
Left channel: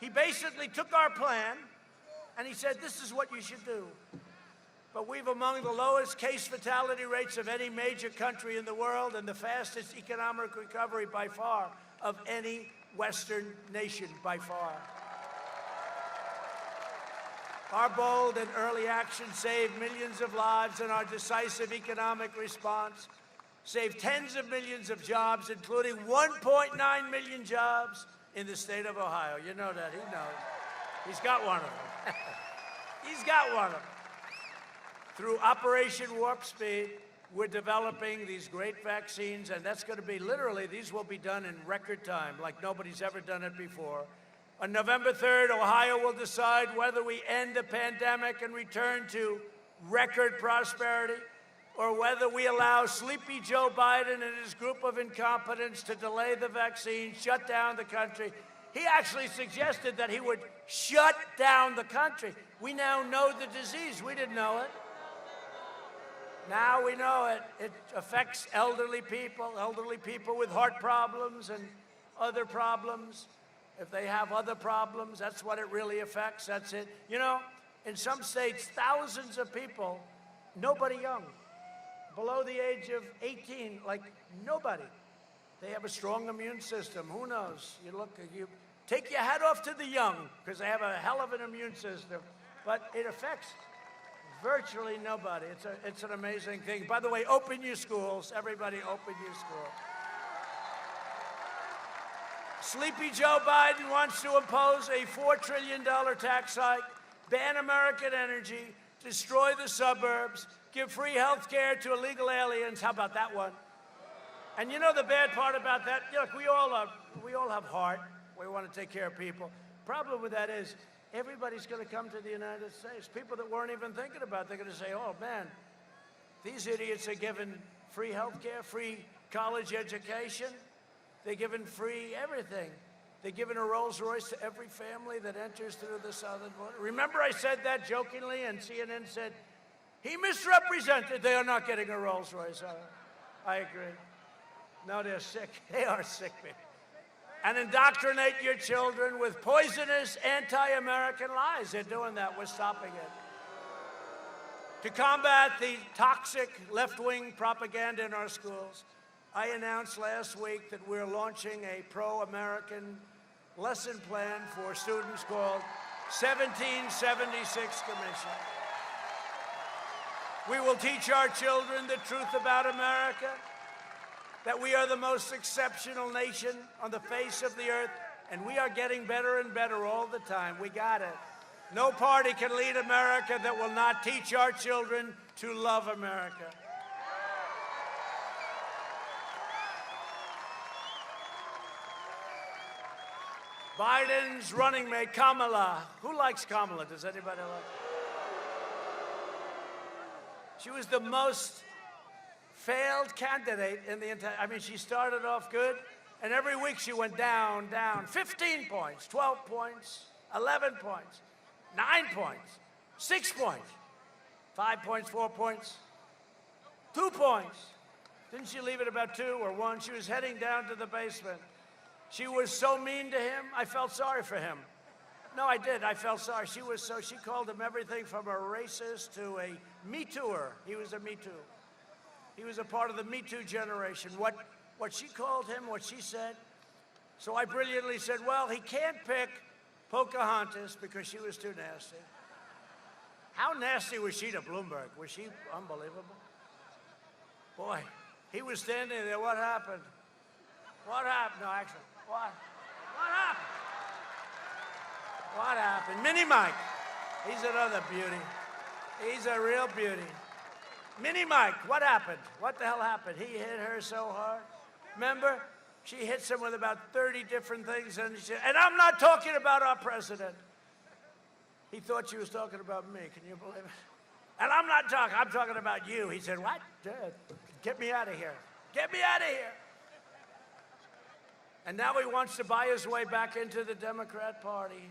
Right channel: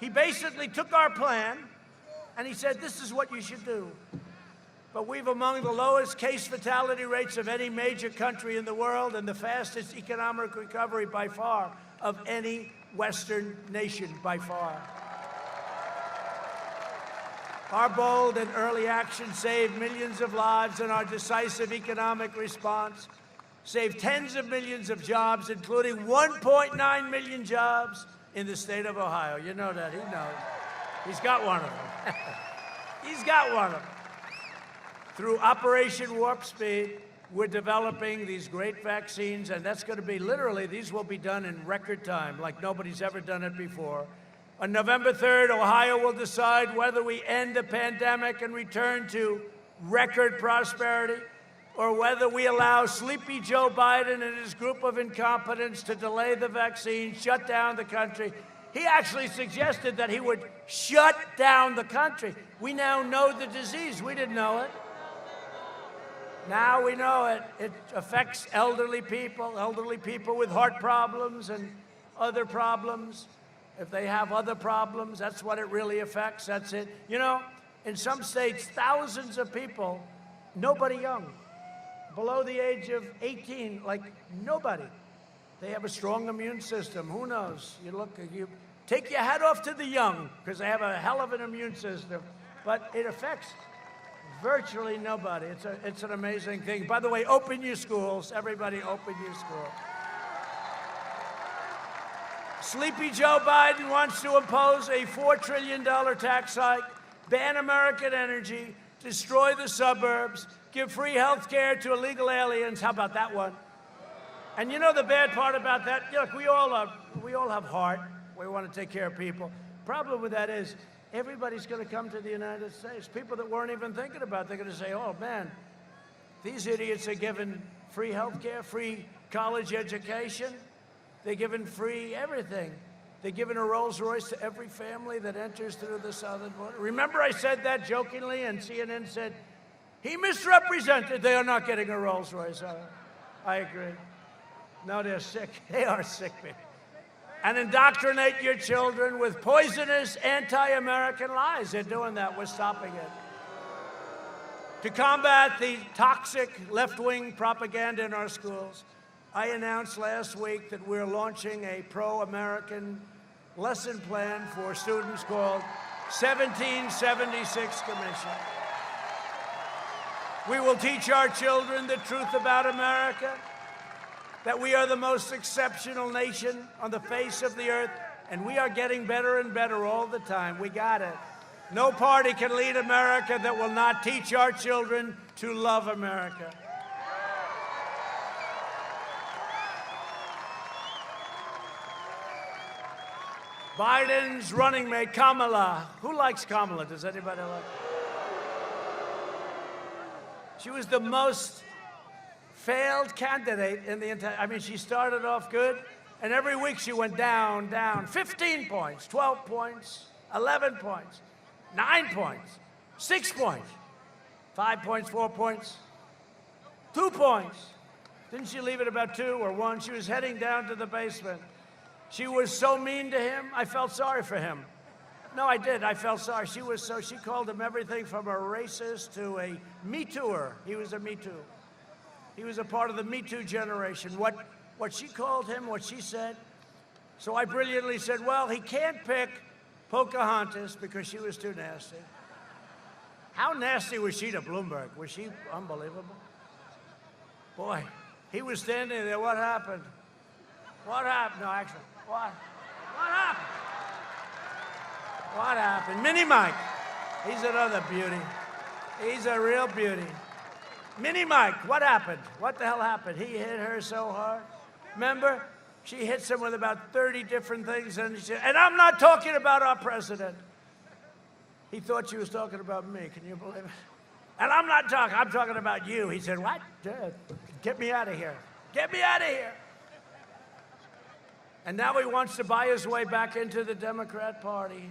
He basically took our plan and he said, this is what you should do. But we've among the lowest case fatality rates of any major country in the world and the fastest economic recovery by far of any Western nation by far. Our bold and early action saved millions of lives, and our decisive economic response saved tens of millions of jobs, including 1.9 million jobs in the state of Ohio. You know that. He knows. He's got one of them. He's got one of them. Through Operation Warp Speed, we're developing these great vaccines, and that's going to be literally, these will be done in record time, like nobody's ever done it before. On November 3rd, Ohio will decide whether we end the pandemic and return to record prosperity, or whether we allow sleepy Joe Biden and his group of incompetents to delay the vaccine, shut down the country. He actually suggested that he would shut down the country. We now know the disease. We didn't know it. Now we know it. It affects elderly people with heart problems and other problems. If they have other problems, that's what it really affects. That's it. You know, in some states, thousands of people, nobody young, below the age of 18, like nobody. They have a strong immune system. Who knows? You take your hat off to the young because they have a hell of an immune system. But it affects virtually nobody. It's an amazing thing. By the way, open your schools. Everybody open your schools. Sleepy Joe Biden wants to impose a $4 trillion tax hike, ban American energy, destroy the suburbs, give free health care to illegal aliens. How about that one? And you know the bad part about that? Look, we all have heart. We want to take care of people. Problem with that is everybody's going to come to the United States. People that weren't even thinking about it, they're going to say, oh, man, these idiots are given free health care, free college education. They're given free everything. They're giving a Rolls Royce to every family that enters through the southern border. Remember I said that jokingly, and CNN said, he misrepresented. They are not getting a Rolls Royce. I agree. No, they're sick. They are sick people. And indoctrinate your children with poisonous anti-American lies. They're doing that. We're stopping it. To combat the toxic left-wing propaganda in our schools, I announced last week that we're launching a pro-American lesson plan for students called 1776 Commission. We will teach our children the truth about America, that we are the most exceptional nation on the face of the earth, and we are getting better and better all the time. We got it. No party can lead America that will not teach our children to love America. Biden's running mate, Kamala. Who likes Kamala? Does anybody like? She was the most failed candidate in the entire, I mean, she started off good, and every week she went down, 15 points, 12 points, 11 points, 9 points, 6 points, 5 points, 4 points, 2 points. Didn't she leave it about 2 or 1? She was heading down to the basement. She was so mean to him, I felt sorry for him. No, I did. I felt sorry. She called him everything from a racist to a Me Tooer. He was a Me Too. He was a part of the Me Too generation. What she called him, what she said. So I brilliantly said, well, he can't pick Pocahontas because she was too nasty. How nasty was she to Bloomberg? Was she unbelievable? Boy, he was standing there. What happened? What happened? No, actually, what happened? What happened? Mini Mike. He's another beauty. He's a real beauty. Mini Mike, what happened? What the hell happened? He hit her so hard. Remember? She hits him with about 30 different things. And I'm not talking about our president. He thought she was talking about me. Can you believe it? And I'm talking about you. He said, what? Get me out of here. Get me out of here. And now he wants to buy his way back into the Democrat Party.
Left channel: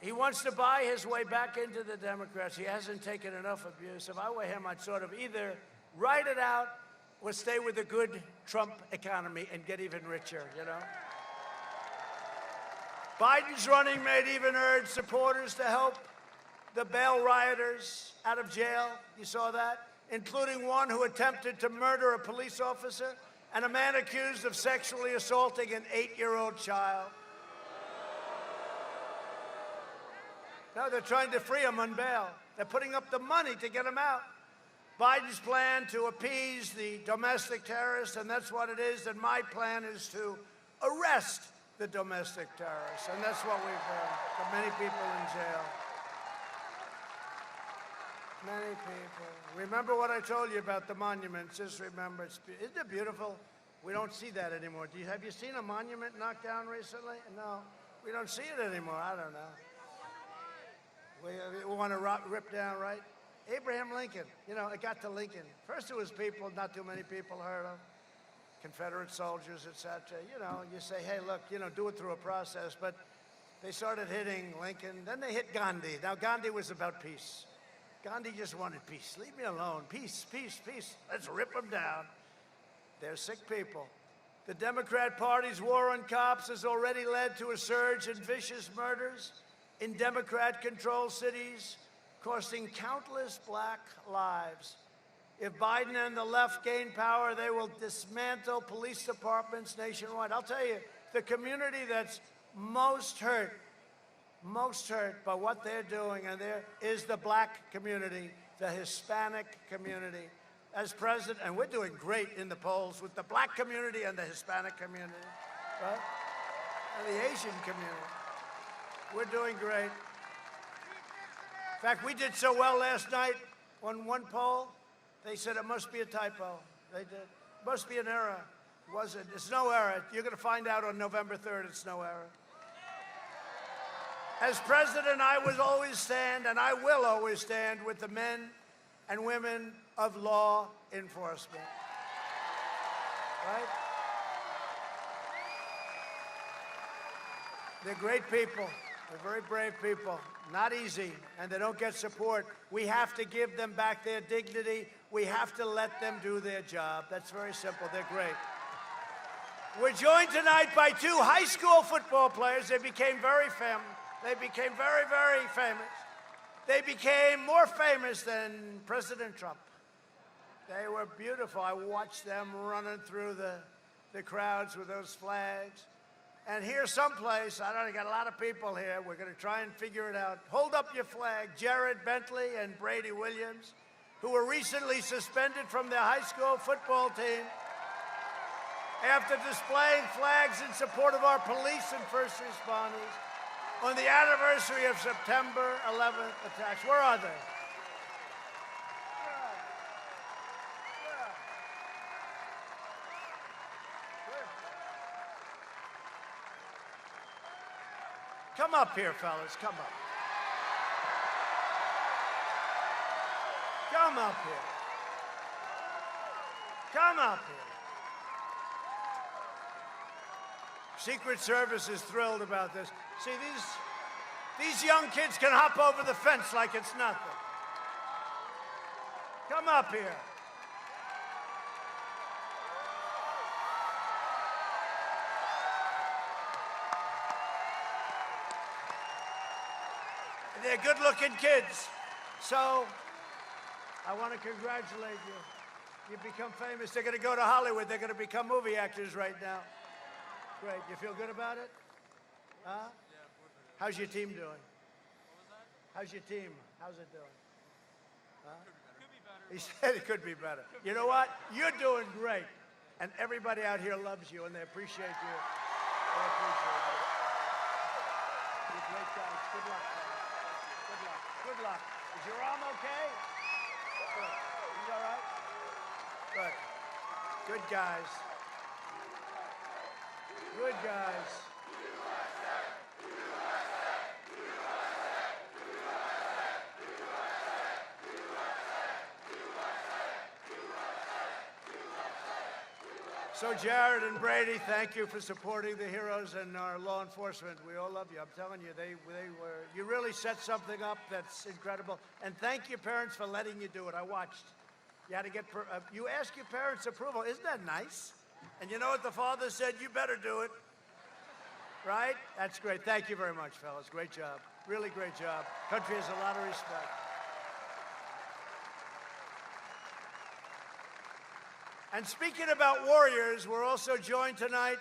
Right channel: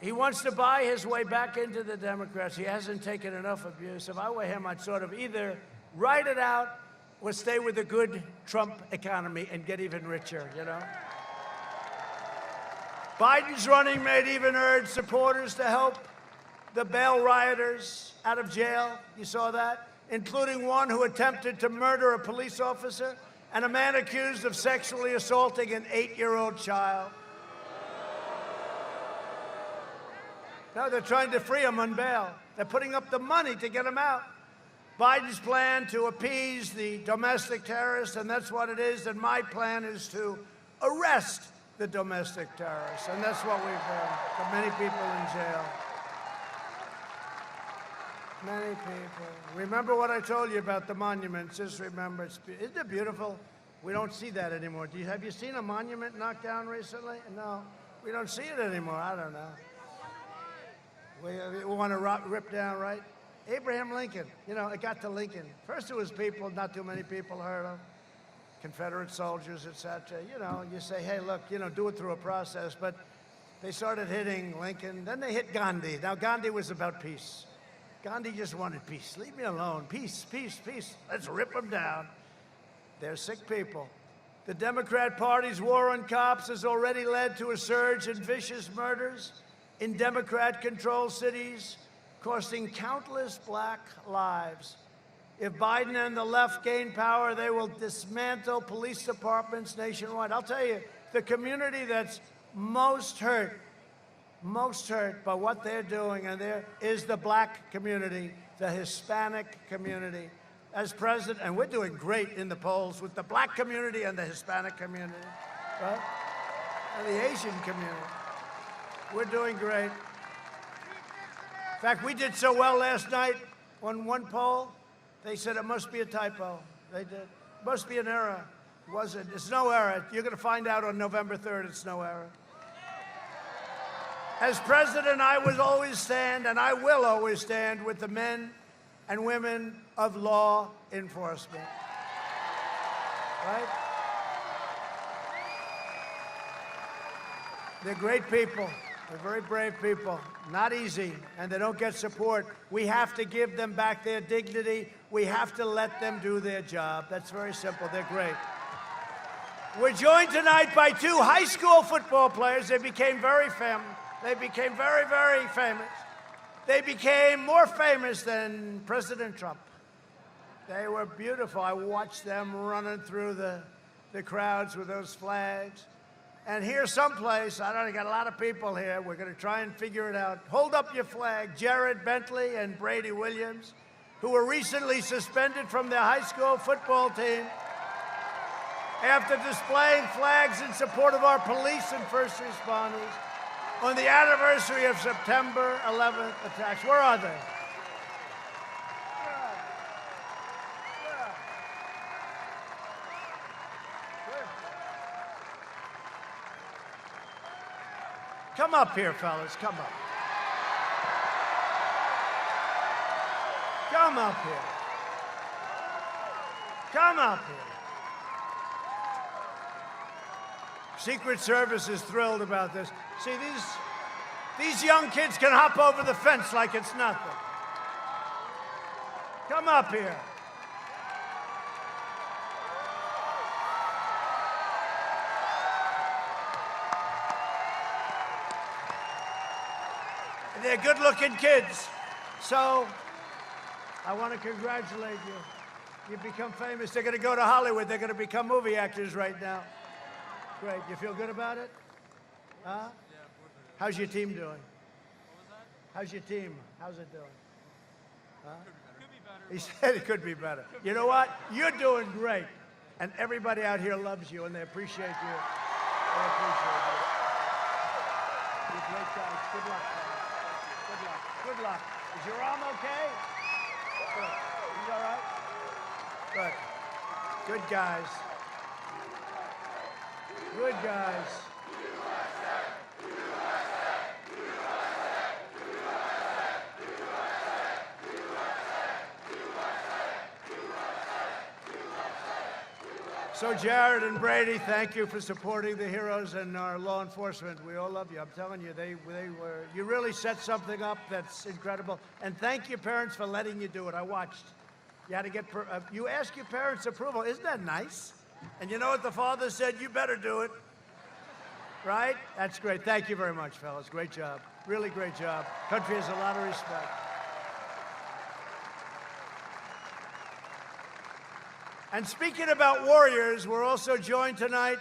He wants to buy his way back into the Democrats. He hasn't taken enough abuse. If I were him, I'd sort of either write it out or stay with the good Trump economy and get even richer, you know? Biden's running mate even urged supporters to help the bail rioters out of jail. You saw that? Including one who attempted to murder a police officer and a man accused of sexually assaulting an 8-year-old child. No, they're trying to free him on bail. They're putting up the money to get him out. Biden's plan to appease the domestic terrorists, and that's what it is, and my plan is to arrest the domestic terrorists, and that's what we've done. Got many people in jail. Many people. Remember what I told you about the monuments. Just remember, isn't it beautiful? We don't see that anymore. Have you seen a monument knocked down recently? No, we don't see it anymore. I don't know. We want to rip down, right? Abraham Lincoln, you know, it got to Lincoln. First it was people, not too many people heard of, Confederate soldiers, etc. You know, you say, hey, look, you know, do it through a process. But they started hitting Lincoln. Then they hit Gandhi. Now, Gandhi was about peace. Gandhi just wanted peace. Leave me alone. Peace, peace, peace. Let's rip them down. They're sick people. The Democrat Party's war on cops has already led to a surge in vicious murders in Democrat-controlled cities, costing countless black lives. If Biden and the left gain power, they will dismantle police departments nationwide. I'll tell you, the community that's most hurt by what they're doing, and there is the black community, the Hispanic community. As president, and we're doing great in the polls with the black community and the Hispanic community, right? And the Asian community. We're doing great. In fact, we did so well last night on one poll, they said it must be a typo. They did. It must be an error. It wasn't. It's no error. You're going to find out on November 3rd it's no error. As president, I will always stand, and I will always stand with the men and women of law enforcement. Right? They're great people. They're very brave people. Not easy, and they don't get support. We have to give them back their dignity. We have to let them do their job. That's very simple. They're great. We're joined tonight by two high school football players. They became very famous. They became very, very famous. They became more famous than President Trump. They were beautiful. I watched them running through the crowds with those flags. And here someplace, I don't know, got a lot of people here. We're going to try and figure it out. Hold up your flag. Jared Bentley and Brady Williams, who were recently suspended from their high school football team after displaying flags in support of our police and first responders on the anniversary of September 11th attacks. Where are they? Come up here, fellas. Come up. Come up here. Come up here. Secret Service is thrilled about this. See, these young kids can hop over the fence like it's nothing. Come up here. They're good-looking kids. So I want to congratulate you. You've become famous. They're going to go to Hollywood. They're going to become movie actors right now. Great. You feel good about it? Huh? How's your team doing? How's your team? How's it doing? Huh? He said it could be better. You know what? You're doing great. And everybody out here loves you, and they appreciate you. They appreciate you. You're great guys. Good luck, fellas. Good luck. Good luck. Is your arm okay? Good. He's all right? Good. Good guys. Good guys. So Jared and Brady, thank you for supporting the heroes and our law enforcement. We all love you. I'm telling you, you really set something up that's incredible. And thank your parents for letting you do it. I watched. You had to get, you ask your parents' approval. Isn't that nice? And you know what the father said? You better do it. Right? That's great. Thank you very much, fellas. Great job. Really great job. Country has a lot of respect. And speaking about warriors, we're also joined tonight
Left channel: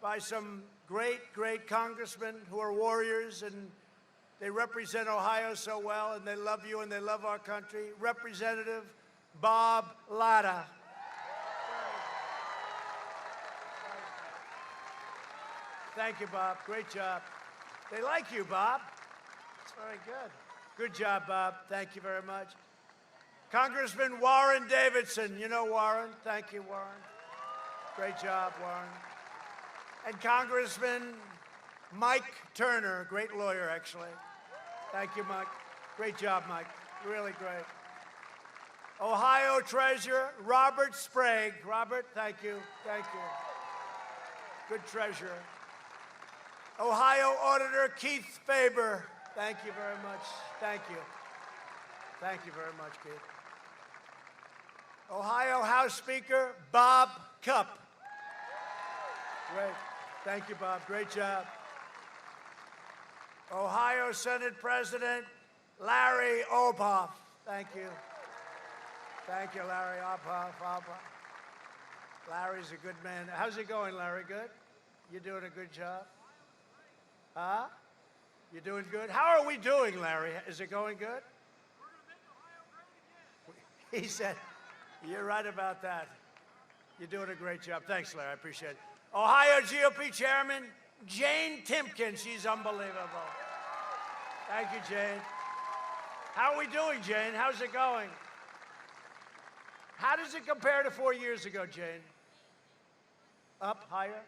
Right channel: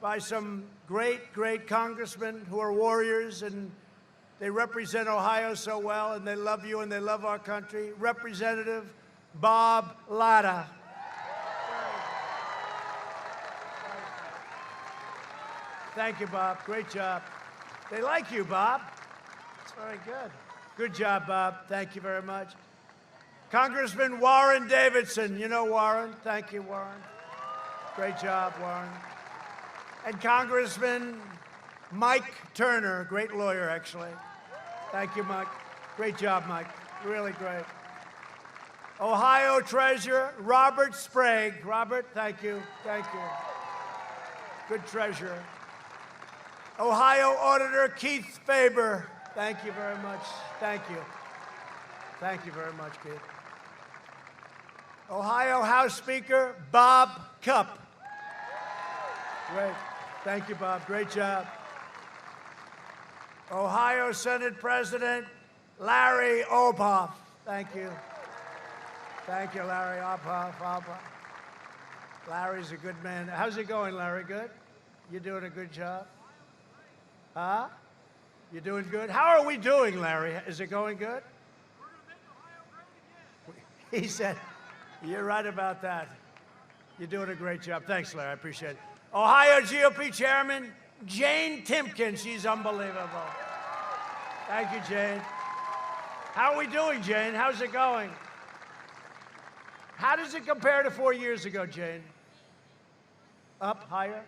by some great, great congressmen who are warriors, and they represent Ohio so well, and they love you, and they love our country. Representative Bob Latta. Thank you, Bob. Great job. They like you, Bob. It's very good. Good job, Bob. Thank you very much. Congressman Warren Davidson. You know Warren. Thank you, Warren. Great job, Warren. And Congressman Mike Turner, great lawyer, actually. Thank you, Mike. Great job, Mike. Really great. Ohio Treasurer Robert Sprague. Robert, thank you. Thank you. Good treasurer. Ohio Auditor Keith Faber. Thank you very much. Thank you. Thank you very much, Keith. Ohio House Speaker Bob Cupp. Great. Thank you, Bob. Great job. Ohio Senate President Larry Obhoff. Thank you. Thank you, Larry Obhoff. Larry's a good man. How's it going, Larry? Good? You doing a good job? Huh? You doing good? How are we doing, Larry? Is it going good? He said, you're right about that. You're doing a great job. Thanks, Larry. I appreciate it. Ohio GOP Chairman Jane Timken. She's unbelievable. Thank you, Jane. How are we doing, Jane? How's it going? How does it compare to 4 years ago, Jane? Up, higher?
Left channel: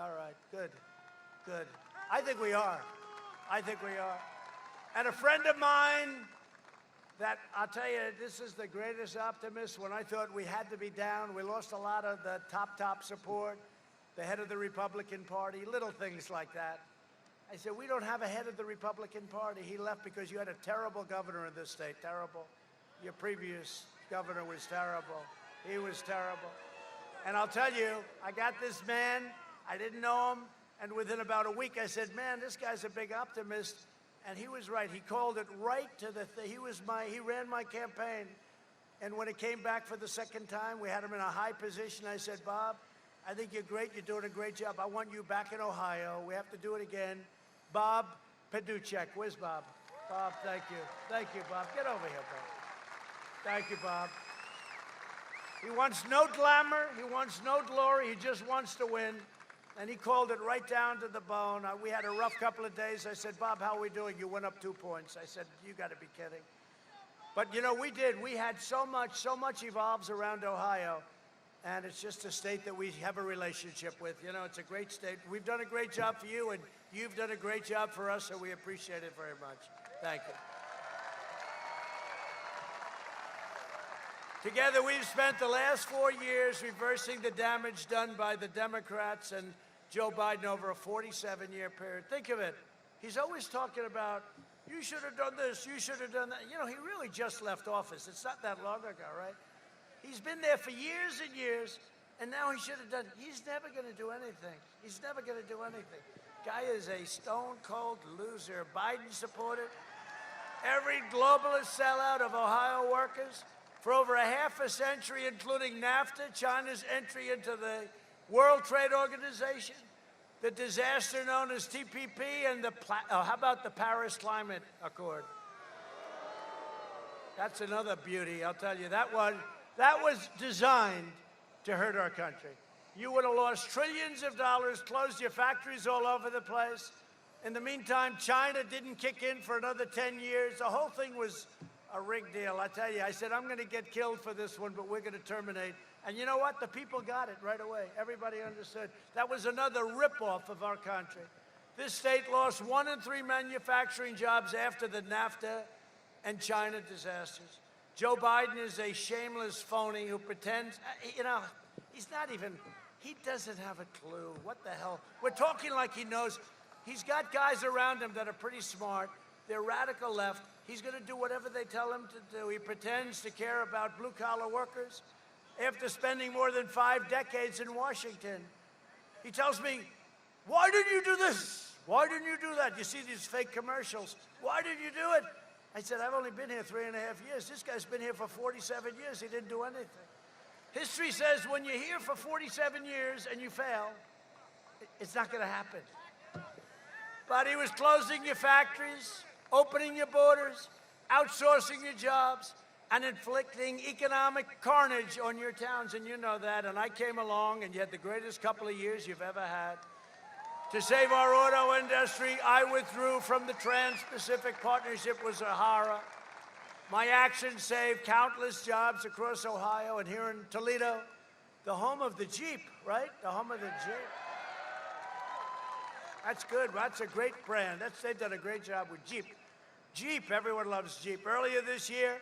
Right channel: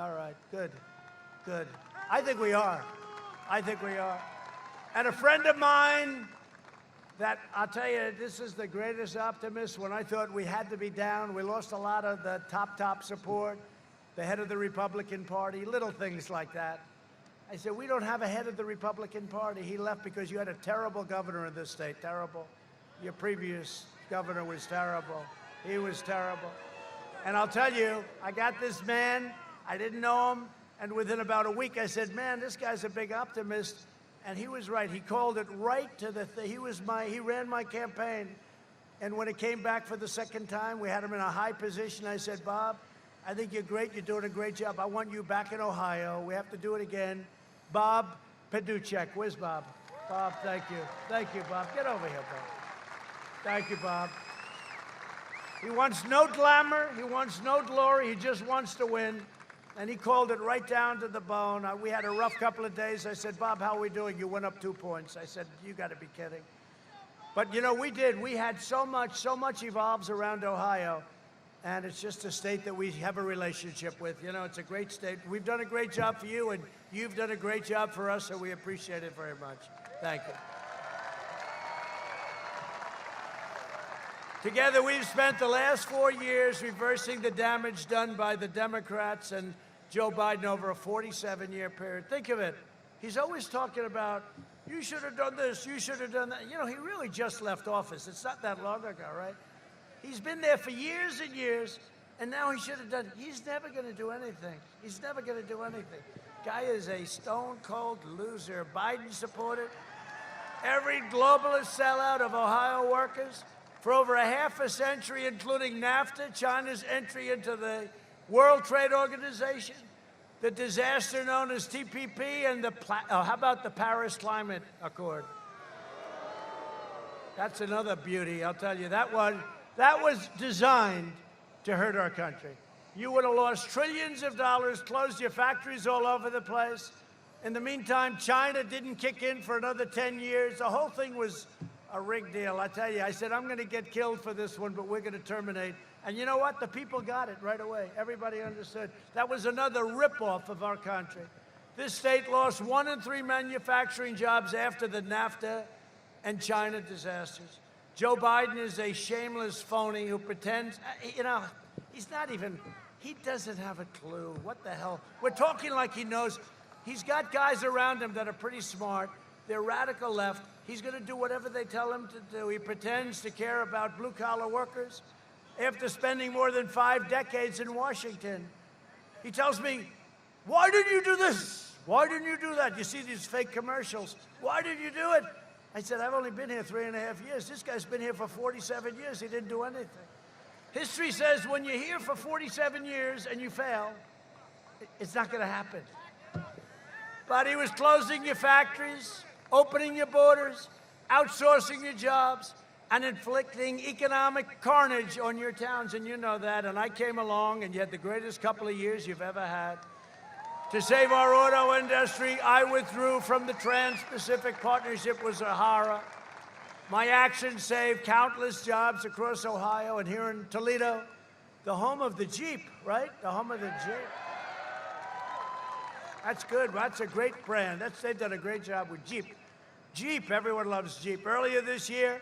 All right, good, good. I think we are. I think we are. And a friend of mine that, I'll tell you, this is the greatest optimist. When I thought we had to be down, we lost a lot of the top support, the head of the Republican Party, little things like that. I said, we don't have a head of the Republican Party. He left because you had a terrible governor in this state, terrible. Your previous governor was terrible. He was terrible. And I'll tell you, I got this man, I didn't know him, and within about a week I said, man, this guy's a big optimist. And he was right. He called it right to the thing. He ran my campaign. And when it came back for the second time, we had him in a high position. I said, Bob, I think you're great. You're doing a great job. I want you back in Ohio. We have to do it again. Bob Paduchek. Where's Bob? Bob, thank you. Thank you, Bob. Get over here, Bob. Thank you, Bob. He wants no glamour. He wants no glory. He just wants to win. And he called it right down to the bone. We had a rough couple of days. I said, Bob, how are we doing? You went up 2 points. I said, you got to be kidding. But, you know, we did. We had so much evolves around Ohio. And it's just a state that we have a relationship with. You know, it's a great state. We've done a great job for you, and you've done a great job for us, so we appreciate it very much. Thank you. Together, we've spent the last 4 years reversing the damage done by the Democrats and Joe Biden over a 47-year period. Think of it. He's always talking about, you should have done this, you should have done that. You know, he really just left office. It's not that long ago, right? He's been there for years and years, and now he should have done, he's never going to do anything. He's never going to do anything. Guy is a stone-cold loser. Biden supporter. every globalist sellout of Ohio workers for over a half a century, including NAFTA, China's entry into the World Trade Organization, the disaster known as TPP, and how about the Paris Climate Accord? That's another beauty, I'll tell you. That was designed to hurt our country. You would have lost trillions of dollars, closed your factories all over the place. In the meantime, China didn't kick in for another 10 years. The whole thing was a rigged deal. I tell you, I said, I'm going to get killed for this one, but we're going to terminate. And you know what? The people got it right away. Everybody understood. That was another ripoff of our country. This state lost 1 in 3 manufacturing jobs after the NAFTA and China disasters. Joe Biden is a shameless phony who pretends, he's not even, he doesn't have a clue. What the hell? We're talking like he knows. He's got guys around him that are pretty smart. They're radical left. He's going to do whatever they tell him to do. He pretends to care about blue-collar workers after spending more than 5 decades in Washington. He tells me, why didn't you do this? Why didn't you do that? You see these fake commercials. Why didn't you do it? I said, I've only been here 3.5 years. This guy's been here for 47 years. He didn't do anything. History says when you're here for 47 years and you fail, it's not going to happen. But he was closing your factories, opening your borders, outsourcing your jobs, and inflicting economic carnage on your towns, and you know that. And I came along, and you had the greatest couple of years you've ever had. To save our auto industry, I withdrew from the Trans-Pacific Partnership with Sahara. My actions saved countless jobs across Ohio and here in Toledo, the home of the Jeep, right? The home of the Jeep. That's good. That's a great brand. They've done a great job with Jeep. Jeep, everyone loves Jeep. Earlier this year,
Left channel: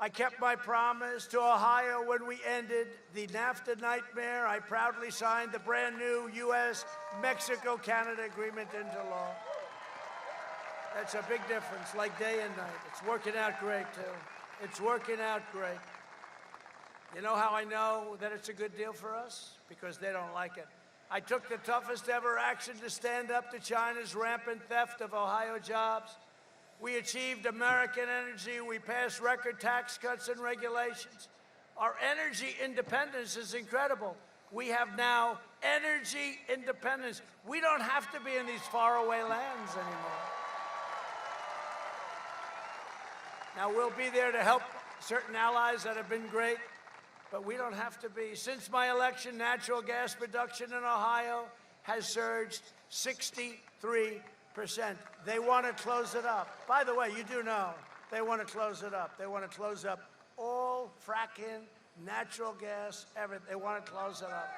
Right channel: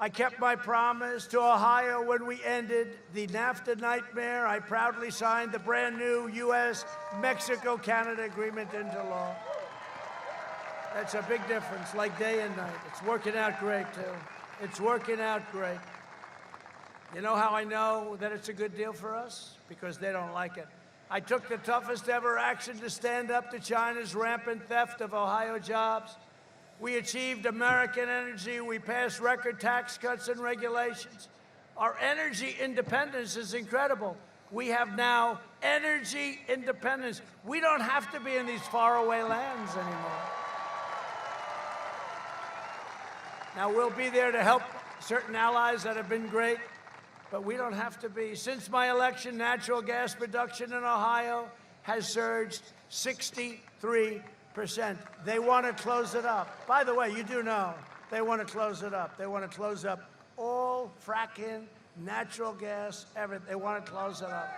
I kept my promise to Ohio when we ended the NAFTA nightmare. I proudly signed the brand new U.S.-Mexico-Canada agreement into law. That's a big difference, like day and night. It's working out great, too. It's working out great. You know how I know that it's a good deal for us? Because they don't like it. I took the toughest ever action to stand up to China's rampant theft of Ohio jobs. We achieved American energy. We passed record tax cuts and regulations. Our energy independence is incredible. We have now energy independence. We don't have to be in these faraway lands anymore. Now, we'll be there to help certain allies that have been great, but we don't have to be. Since my election, natural gas production in Ohio has surged 63%. They want to close it up. By the way, you do know they want to close it up. They want to close up all fracking, natural gas, everything. They want to close it up.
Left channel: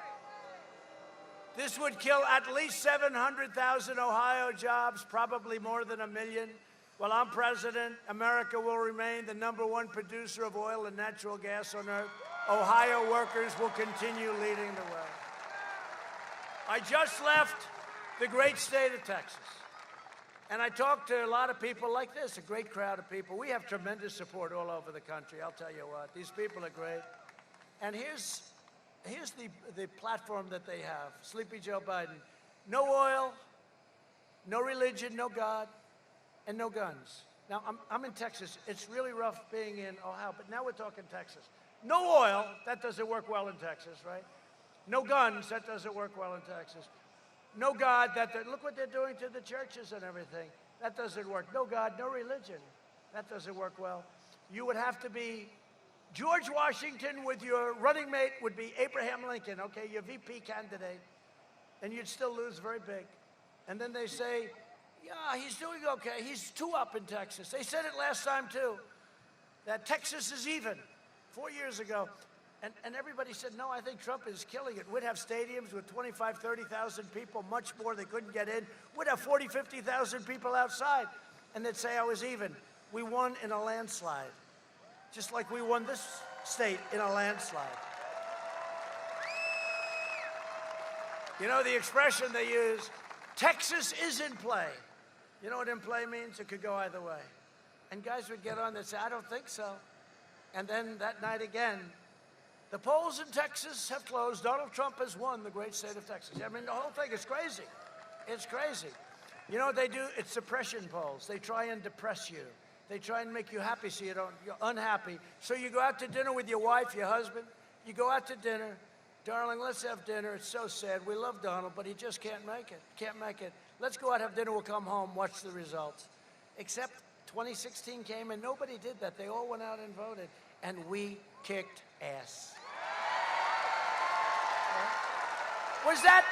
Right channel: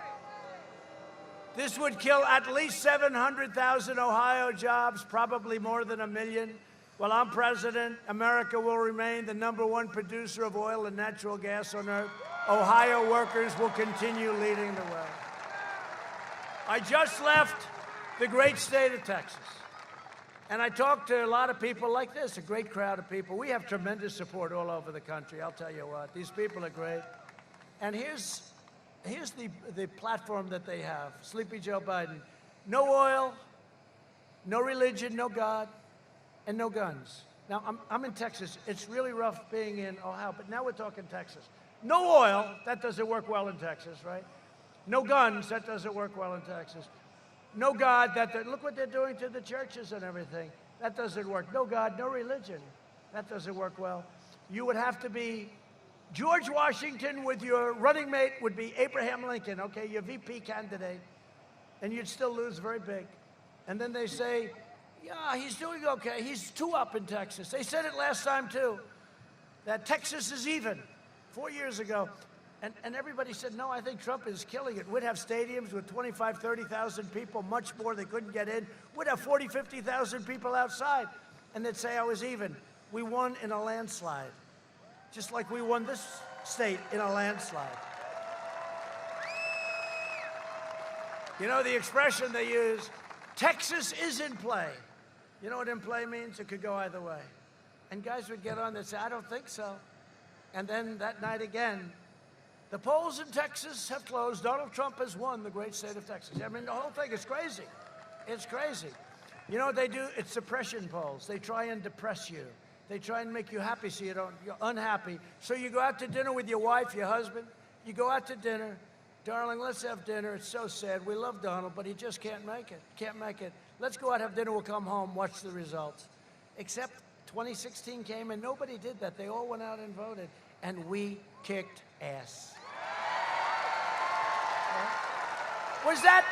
This would kill at least 700,000 Ohio jobs, probably more than 1 million. While I'm president, America will remain the #1 producer of oil and natural gas on earth. Ohio workers will continue leading the way. I just left the great state of Texas, and I talked to a lot of people like this, a great crowd of people. We have tremendous support all over the country, I'll tell you what. These people are great. And here's the platform that they have. Sleepy Joe Biden. No oil, no religion, no God, and no guns. Now, I'm in Texas. It's really rough being in Ohio, but now we're talking Texas. No oil, that doesn't work well in Texas, right? No guns, that doesn't work well in Texas. No God, look what they're doing to the churches and everything. That doesn't work. No God, no religion. That doesn't work well. You would have to be George Washington with your running mate would be Abraham Lincoln, okay, your VP candidate, and you'd still lose very big. And then they say, yeah, he's doing okay. He's 2 up in Texas. They said it last time, too, that Texas is even 4 years ago. And everybody said, no, I think Trump is killing it. We'd have stadiums with 25,000, 30,000 people, much more they couldn't get in. We'd have 40,000, 50,000 people outside. And they'd say I was even. We won in a landslide, just like we won this state in a landslide. You know the expression they use, Texas is in play. You know what in play means? It could go either way. And guys would get on and say, I don't think so. And then that night again, the polls in Texas have closed. Donald Trump has won the great state of Texas. I mean, the whole thing is crazy. It's crazy. You know what they do? It's suppression polls. They try and depress you. They try and make you happy so you're unhappy. So you go out to dinner with your wife, your husband. You go out to dinner. Darling, let's have dinner. It's so sad. We love Donald, but he just can't make it. Can't make it. Let's go out, have dinner. We'll come home, watch the results. Except 2016 came and nobody did that. They all went out and voted. And we kicked ass. Was that,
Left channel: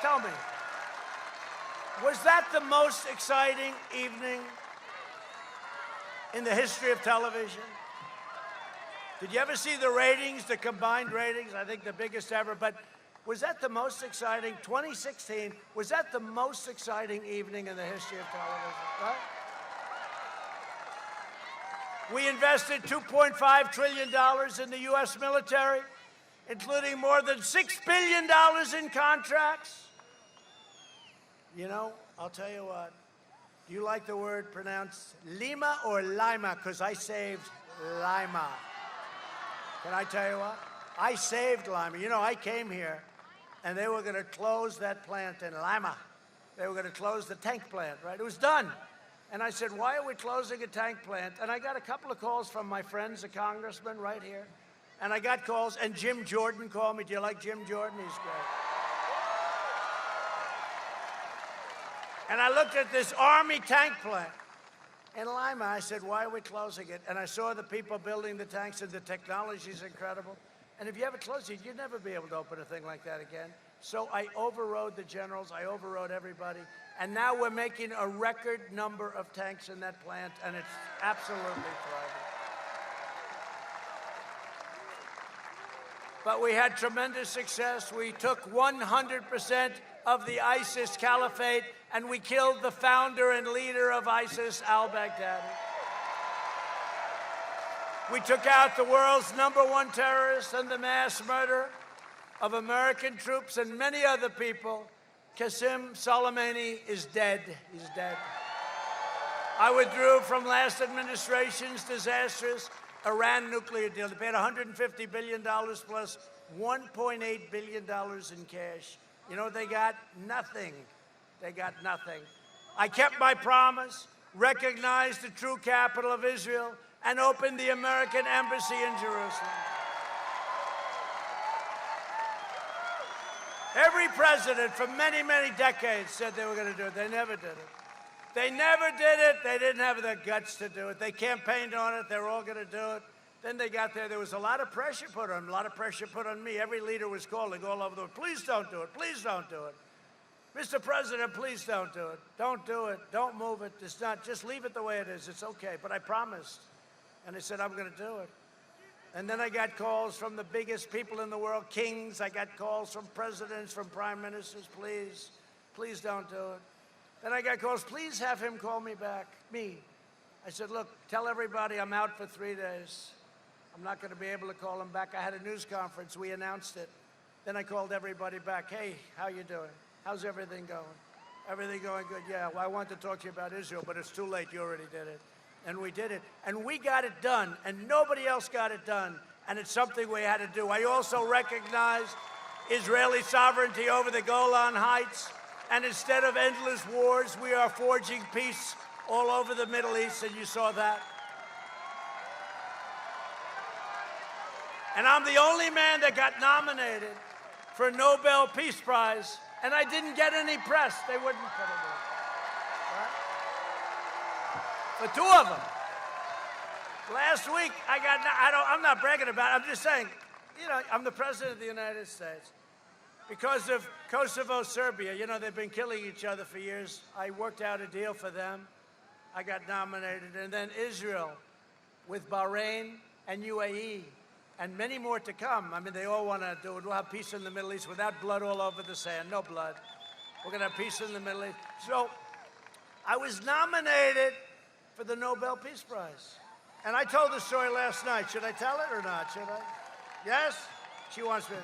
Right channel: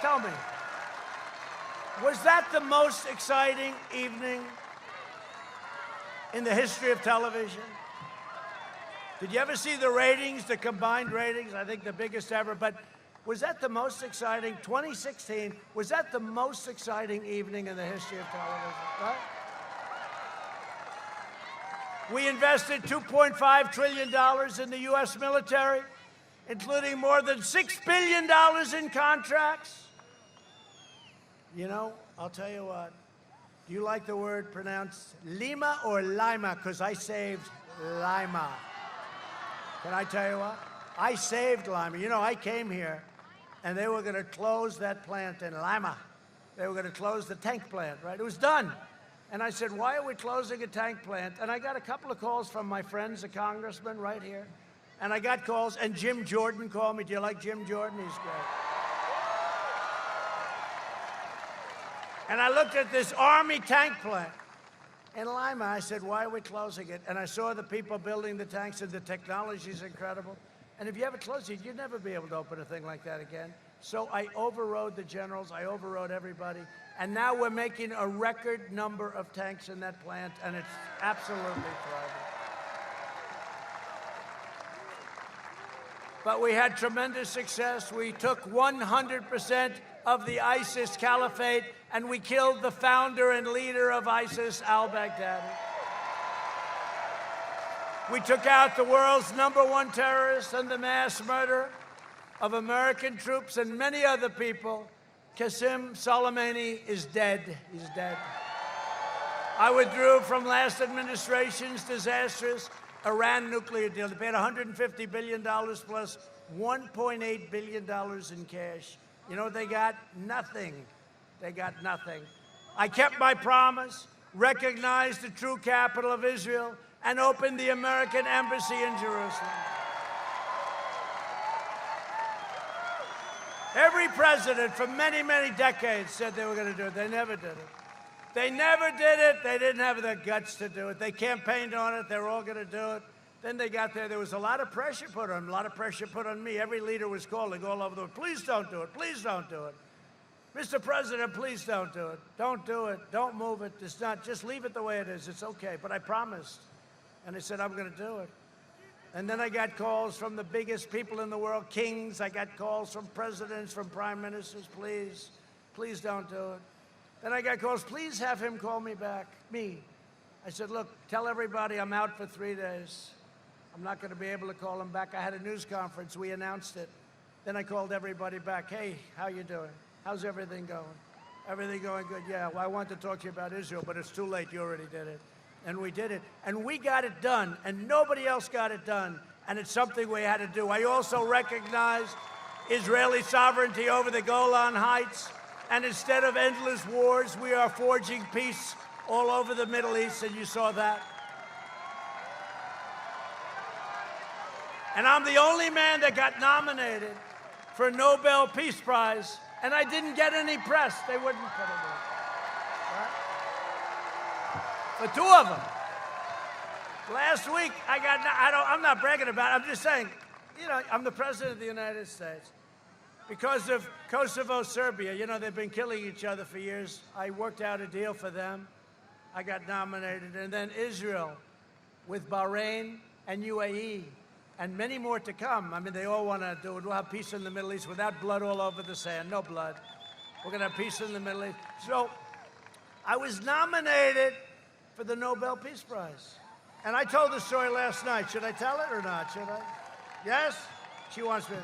tell me, was that the most exciting evening in the history of television? Did you ever see the ratings, the combined ratings? I think the biggest ever. But was that the most exciting, 2016, was that the most exciting evening in the history of television, right? We invested $2.5 trillion in the U.S. military, including more than $6 billion in contracts. You know, I'll tell you what. You like the word pronounced Lima or Lima? Because I saved Lima. Can I tell you what? I saved Lima. You know, I came here, and they were going to close that plant in Lima. They were going to close the tank plant, right? It was done. And I said, why are we closing a tank plant? And I got a couple of calls from my friends, a congressman right here. And I got calls, and Jim Jordan called me. Do you like Jim Jordan? He's great. And I looked at this Army tank plant in Lima. I said, why are we closing it? And I saw the people building the tanks, and the technology is incredible. And if you ever close it, you'd never be able to open a thing like that again. So I overrode the generals. I overrode everybody. And now we're making a record number of tanks in that plant, and it's absolutely thriving. But we had tremendous success. We took 100% of the ISIS caliphate, and we killed the founder and leader of ISIS, al-Baghdadi. We took out the world's #1 terrorist and the mass murderer of American troops and many other people. Qasem Soleimani is dead. He's dead. I withdrew from last administration's disastrous Iran nuclear deal. They paid $150 billion plus $1.8 billion in cash. You know what they got? Nothing. They got nothing. I kept my promise, recognized the true capital of Israel, and opened the American embassy in Jerusalem. Every president for many, many decades said they were going to do it. They never did it. They never did it. They didn't have the guts to do it. They campaigned on it. They were all going to do it. Then they got there. There was a lot of pressure put on them, a lot of pressure put on me. Every leader was calling all over the world, please don't do it. Please don't do it. Mr. President, please don't do it. Don't do it. Don't move it. It's not. Just leave it the way it is. It's okay. But I promised. And I said, I'm going to do it. And then I got calls from the biggest people in the world, kings. I got calls from presidents, from prime ministers. Please, please don't do it. Then I got calls, please have him call me back, me. I said, look, tell everybody I'm out for 3 days. I'm not going to be able to call him back. I had a news conference. We announced it. Then I called everybody back. Hey, how you doing? How's everything going? Everything going good? Yeah, well, I want to talk to you about Israel, but it's too late. You already did it. And we did it. And we got it done. And nobody else got it done. And it's something we had to do. I also recognize Israeli sovereignty over the Golan Heights. And instead of endless wars, we are forging peace all over the Middle East, and you saw that. And I'm the only man that got nominated for a Nobel Peace Prize, and I didn't get any press. They wouldn't put it in. Right? For 2 of them. Last week, I'm not bragging about it. I'm just saying, you know, I'm the President of the United States. Because of Kosovo, Serbia, you know, they've been killing each other for years. I worked out a deal for them. I got nominated. And then Israel with Bahrain and UAE and many more to come. I mean, they all want to do it. We'll have peace in the Middle East without blood all over the sand. No blood. We're going to have peace in the Middle East. So I was nominated for the Nobel Peace Prize. And I told the story last night. Should I tell it or not? Should I? Yes? She wants me to.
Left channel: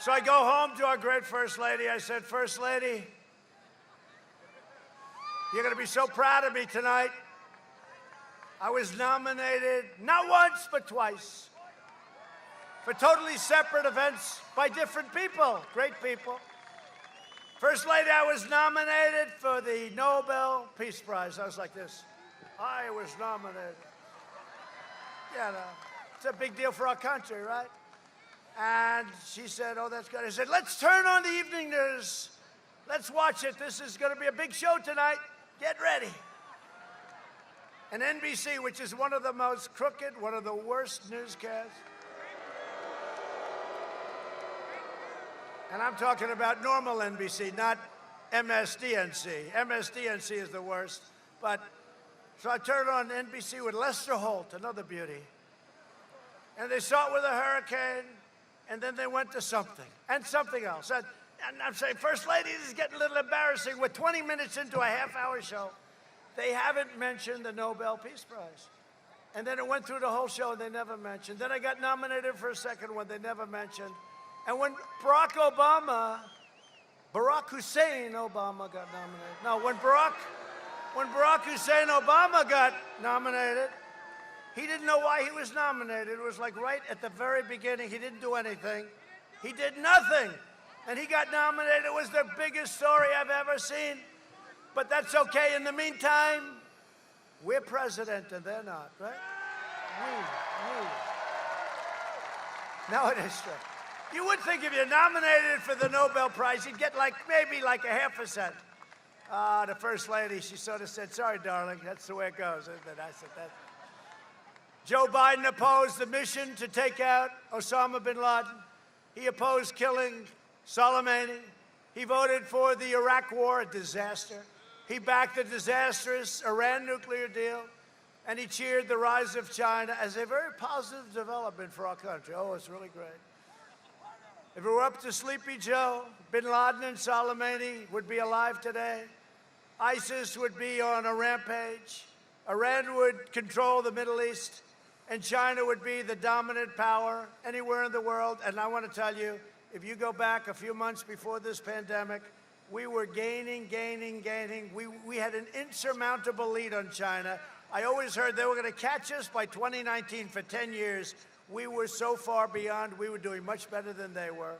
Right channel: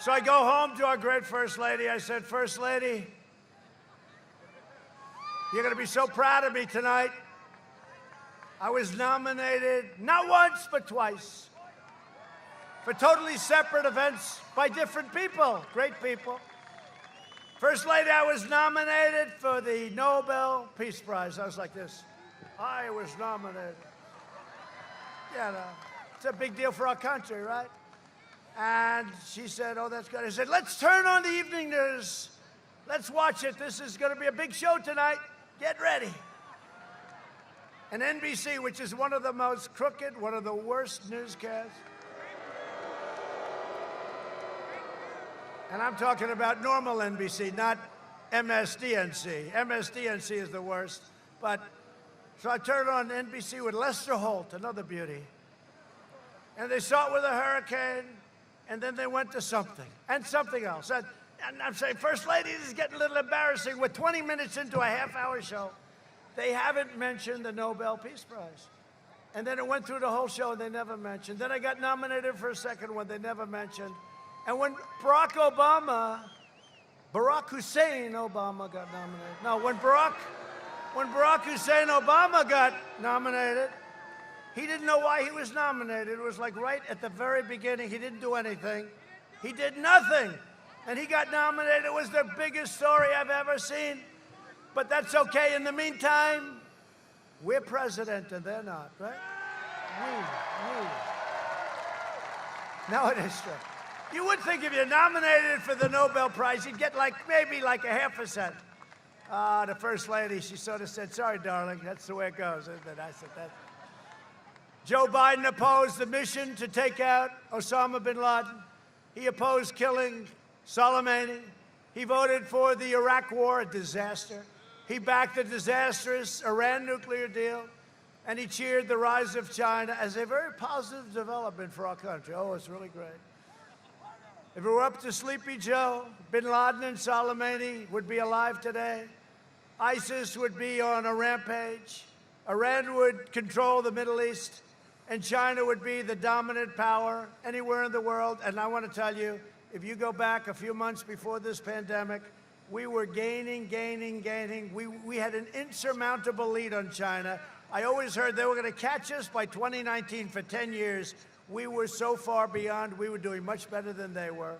So I go home to our great First Lady. I said, First Lady, you're going to be so proud of me tonight. I was nominated not once, but twice for totally separate events by different people, great people. First Lady, I was nominated for the Nobel Peace Prize. I was like this. I was nominated. You know, it's a big deal for our country, right? And she said, oh, that's good. I said, let's turn on the evening news. Let's watch it. This is going to be a big show tonight. Get ready. And NBC, which is one of the most crooked, one of the worst newscasts. And I'm talking about normal NBC, not MSDNC. MSDNC is the worst. But so I turned on NBC with Lester Holt, another beauty. And they start with a hurricane, and then they went to something, and something else. And I'm saying, First Lady, this is getting a little embarrassing. We're 20 minutes into a half-hour show. They haven't mentioned the Nobel Peace Prize. And then it went through the whole show, and they never mentioned. Then I got nominated for a second one they never mentioned. And when Barack Hussein Obama got nominated. No, when Barack Hussein Obama got nominated, he didn't know why he was nominated. It was like right at the very beginning. He didn't do anything. He did nothing. And he got nominated. It was the biggest story I've ever seen. But that's okay. In the meantime, we're president and they're not, right? No, it is true. You would think if you're nominated for the Nobel Prize, you'd get maybe a 0.5%. The First Lady, she sort of said, sorry, darling, that's the way it goes, isn't it? I said that. Joe Biden opposed the mission to take out Osama bin Laden. He opposed killing Soleimani. He voted for the Iraq War, a disaster. He backed the disastrous Iran nuclear deal. And he cheered the rise of China as a very positive development for our country. Oh, it's really great. If it were up to Sleepy Joe, bin Laden and Soleimani would be alive today. ISIS would be on a rampage. Iran would control the Middle East. And China would be the dominant power anywhere in the world. And I want to tell you, if you go back a few months before this pandemic, we were gaining. We had an insurmountable lead on China. I always heard they were going to catch us by 2019 for 10 years. We were so far beyond. We were doing much better than they were.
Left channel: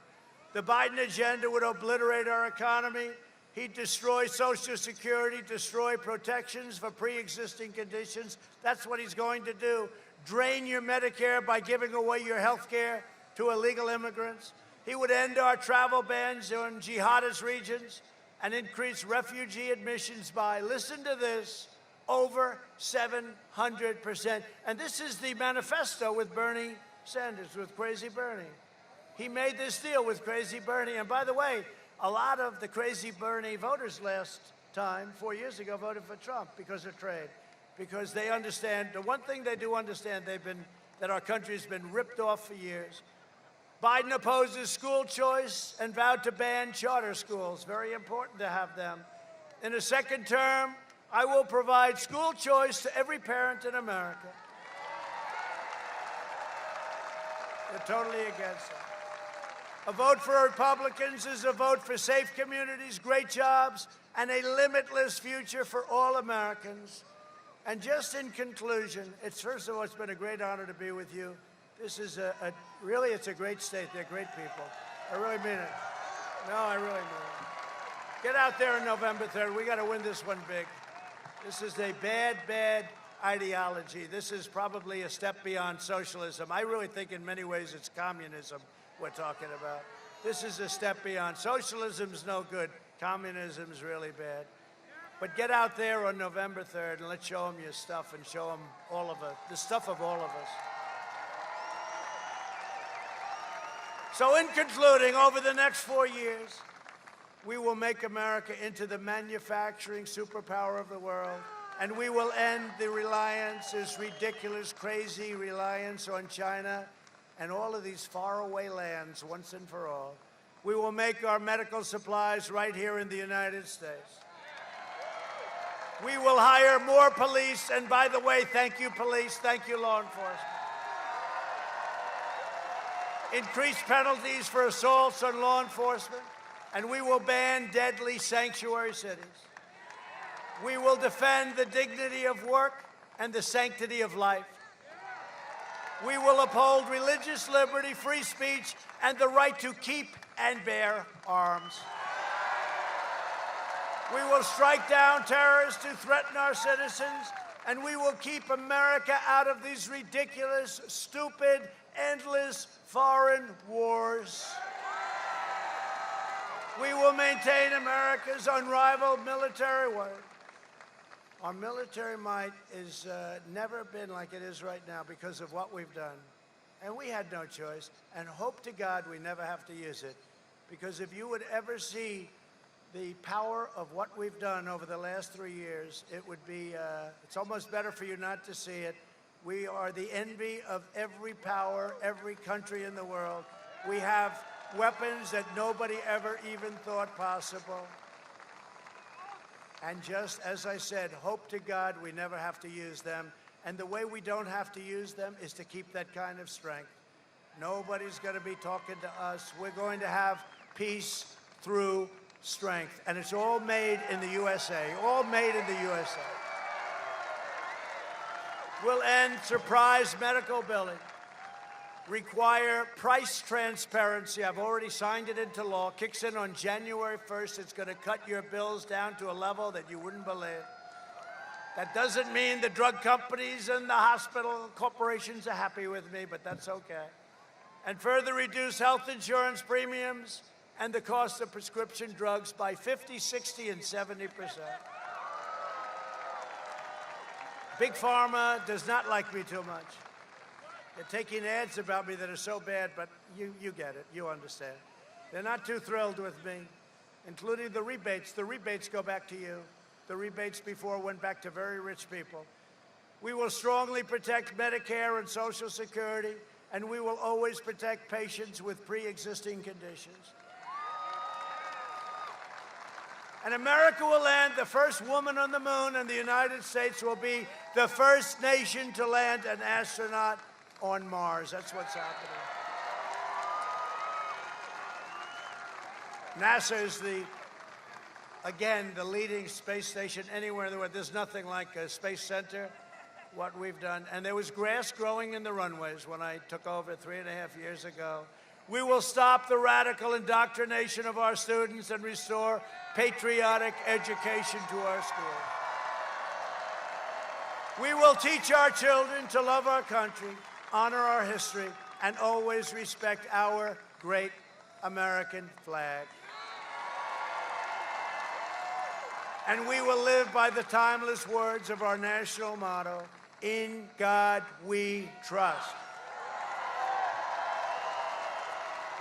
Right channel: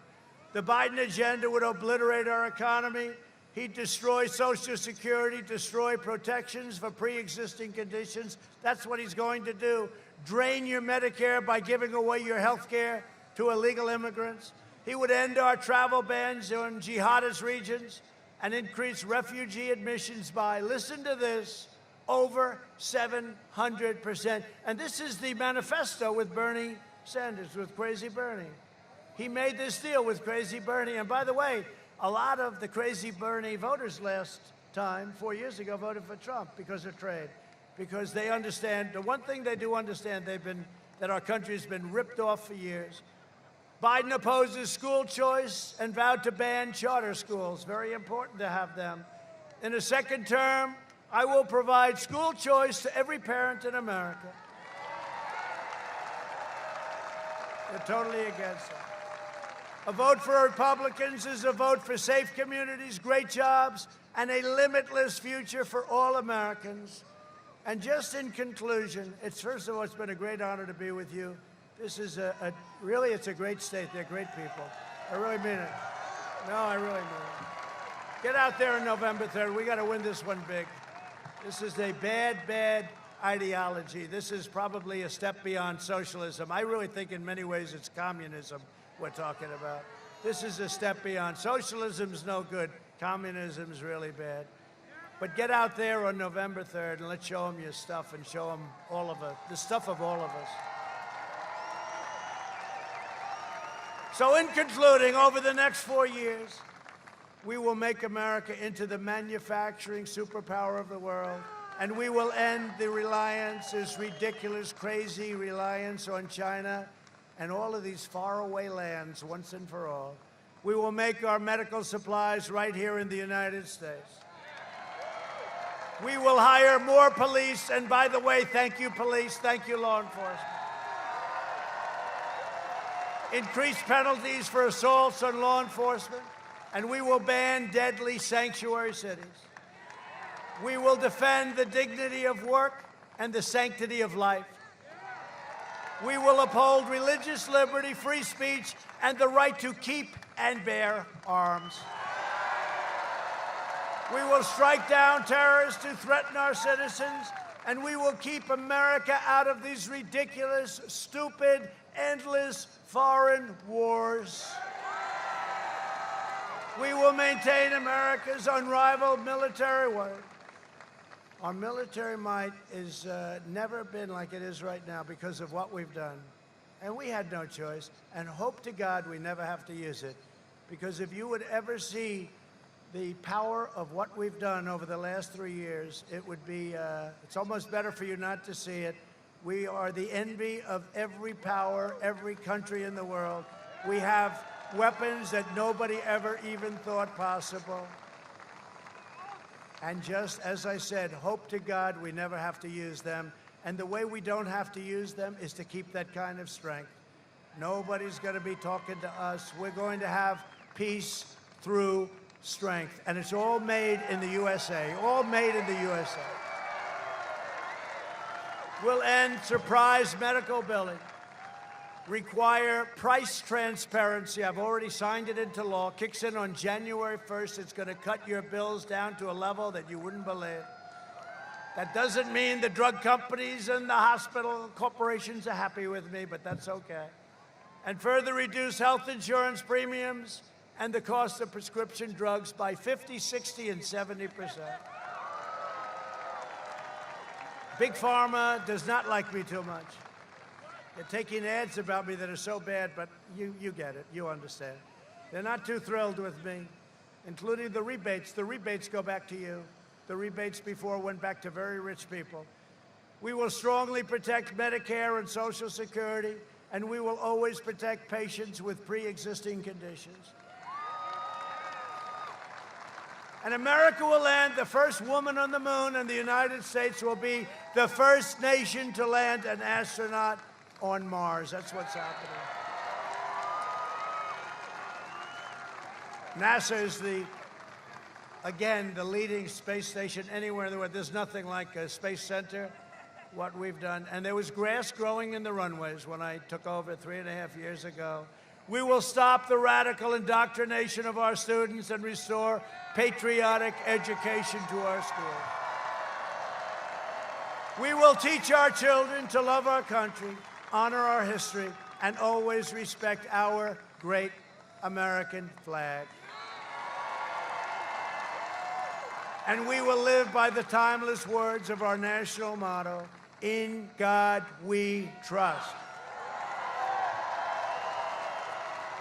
The Biden agenda would obliterate our economy. He'd destroy Social Security, destroy protections for pre-existing conditions. That's what he's going to do. Drain your Medicare by giving away your health care to illegal immigrants. He would end our travel bans in jihadist regions and increase refugee admissions by, listen to this, over 700%. And this is the manifesto with Bernie Sanders, with Crazy Bernie. He made this deal with Crazy Bernie. And by the way, a lot of the Crazy Bernie voters last time, 4 years ago, voted for Trump because of trade. Because they understand, the one thing they do understand, that our country's been ripped off for years. Biden opposes school choice and vowed to ban charter schools. Very important to have them. In a second term, I will provide school choice to every parent in America. They're totally against it. A vote for Republicans is a vote for safe communities, great jobs, and a limitless future for all Americans. And just in conclusion, first of all, it's been a great honor to be with you. This is really, it's a great state. They're great people. I really mean it. No, I really mean it. Get out there on November 3rd. We got to win this one big. This is a bad ideology. This is probably a step beyond socialism. I really think in many ways it's communism we're talking about. This is a step beyond. Socialism's no good. Communism's really bad. But get out there on November 3rd and let's show them your stuff and show them all of it, the stuff of all of us. So in concluding, over the next 4 years, we will make America into the manufacturing superpower of the world, and we will end the reliance, this ridiculous, crazy reliance on China and all of these faraway lands once and for all. We will make our medical supplies right here in the United States. We will hire more police, and by the way, thank you, police, thank you, law enforcement. Increase penalties for assaults on law enforcement, and we will ban deadly sanctuary cities. We will defend the dignity of work and the sanctity of life. We will uphold religious liberty, free speech, and the right to keep and bear arms. We will strike down terrorists who threaten our citizens, And we will keep America out of these ridiculous, stupid, endless foreign wars. We will maintain America's unrivaled military might. Our military might has never been like it is right now because of what we've done. And we had no choice, and hope to God we never have to use it. Because if you would ever see the power of what we've done over the last 3 years, it would be, it's almost better for you not to see it. We are the envy of every power, every country in the world. We have weapons that nobody ever even thought possible. And just as I said, hope to God we never have to use them. And the way we don't have to use them is to keep that kind of strength. Nobody's going to be talking to us. We're going to have peace through strength. And it's all made in the USA, all made in the USA. We'll end surprise medical billing, require price transparency. I've already signed it into law. Kicks in on January 1st. It's going to cut your bills down to a level that you wouldn't believe. That doesn't mean the drug companies and the hospital corporations are happy with me, but that's okay. And further reduce health insurance premiums and the cost of prescription drugs by 50, 60, and 70%. Big Pharma does not like me too much. They're taking ads about me that are so bad, but you get it. You understand. They're not too thrilled with me, including the rebates. The rebates go back to you. The rebates before went back to very rich people. We will strongly protect Medicare and Social Security, and we will always protect patients with pre-existing conditions. And America will land the first woman on the moon, and the United States will be the first nation to land an astronaut on Mars. That's what's happening. NASA is again, the leading space station anywhere in the world. There's nothing like a space center, what we've done. And there was grass growing in the runways when I took over 3.5 years ago. We will stop the radical indoctrination of our students and restore patriotic education to our schools. We will teach our children to love our country, honor our history, and always respect our great American flag. And we will live by the timeless words of our national motto, "In God we trust."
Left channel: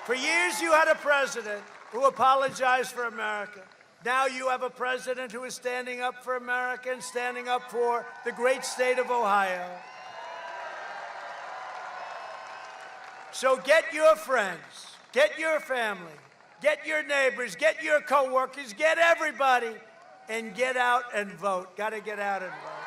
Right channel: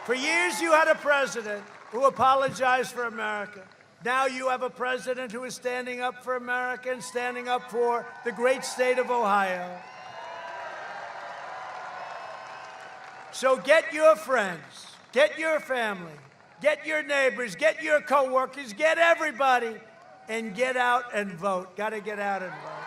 For years you had a president who apologized for America. Now you have a president who is standing up for America and standing up for the great state of Ohio. So get your friends, get your family, get your neighbors, get your coworkers, get everybody, and get out and vote. Got to get out and vote.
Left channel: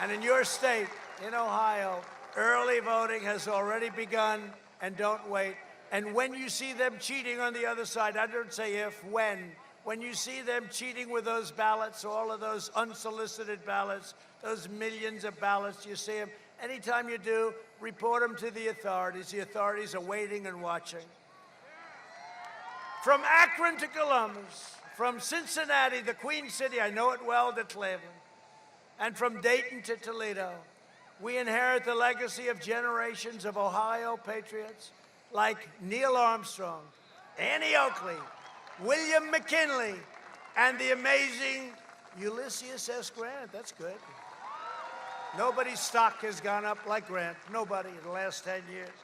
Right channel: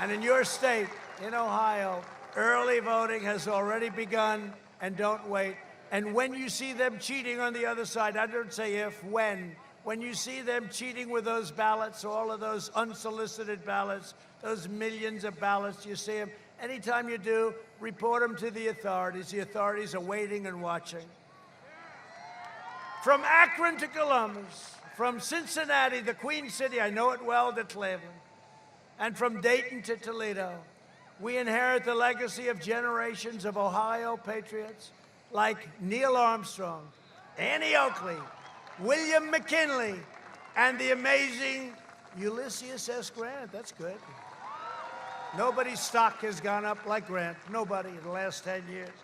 And in your state, in Ohio, early voting has already begun, and don't wait. And when you see them cheating on the other side, I don't say if, when you see them cheating with those ballots, all of those unsolicited ballots, those millions of ballots, you see them, anytime you do, report them to the authorities. The authorities are waiting and watching. From Akron to Columbus, from Cincinnati, the Queen City, I know it well, to Cleveland, and from Dayton to Toledo, we inherit the legacy of generations of Ohio patriots like Neil Armstrong, Annie Oakley, William McKinley, and the amazing Ulysses S. Grant. That's good. Nobody's stock has gone up like Grant. Nobody in the last 10 years.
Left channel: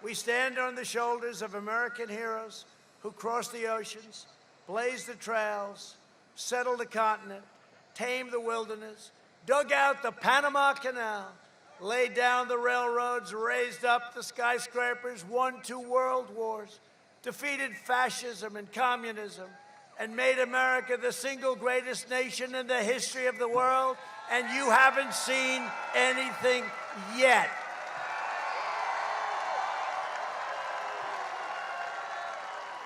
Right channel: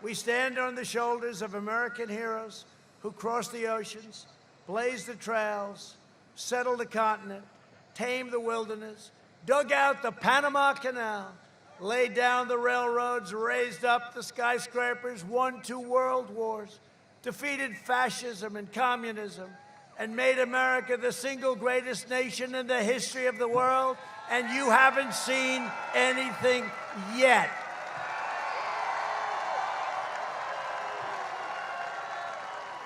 We stand on the shoulders of American heroes who crossed the oceans, blazed the trails, settled the continent, tamed the wilderness, dug out the Panama Canal, laid down the railroads, raised up the skyscrapers, won 2 world wars, defeated fascism and communism, and made America the single greatest nation in the history of the world, and you haven't seen anything yet.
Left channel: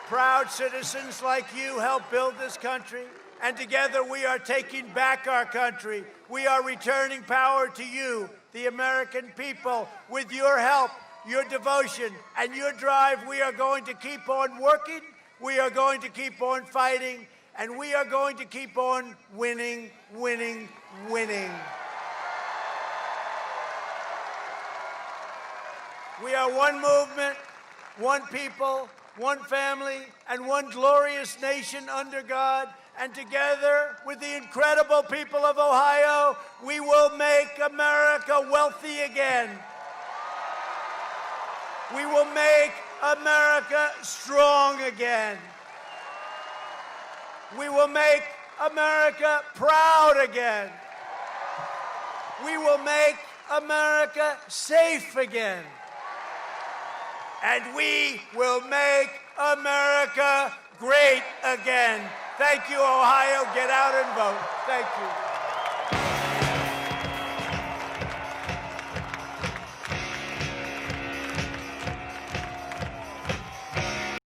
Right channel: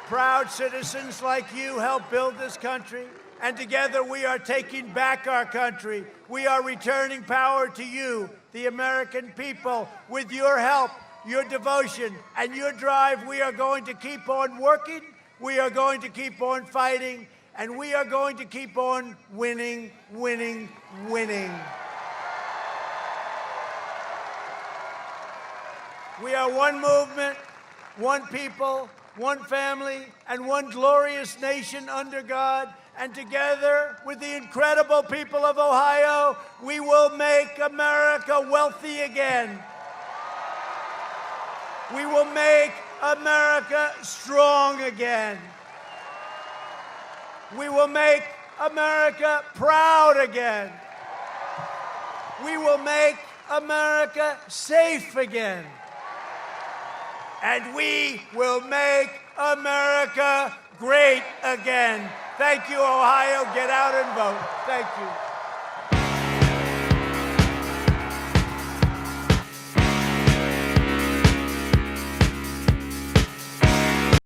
Proud citizens like you helped build this country, and together we are taking back our country. We are returning power to you, the American people. With your help, your devotion, and your drive, we are going to keep on working. We are going to keep on fighting, And we are going to keep on winning, winning, winning. We are one movement, one people, one family, and one glorious nation under God. And together with the incredible people of Ohio, we will make America wealthy again. We will make America strong again. We will make America proud again. We will make America safe again. And we will make America great again. Thank you, Ohio. Get out and vote. Thank you.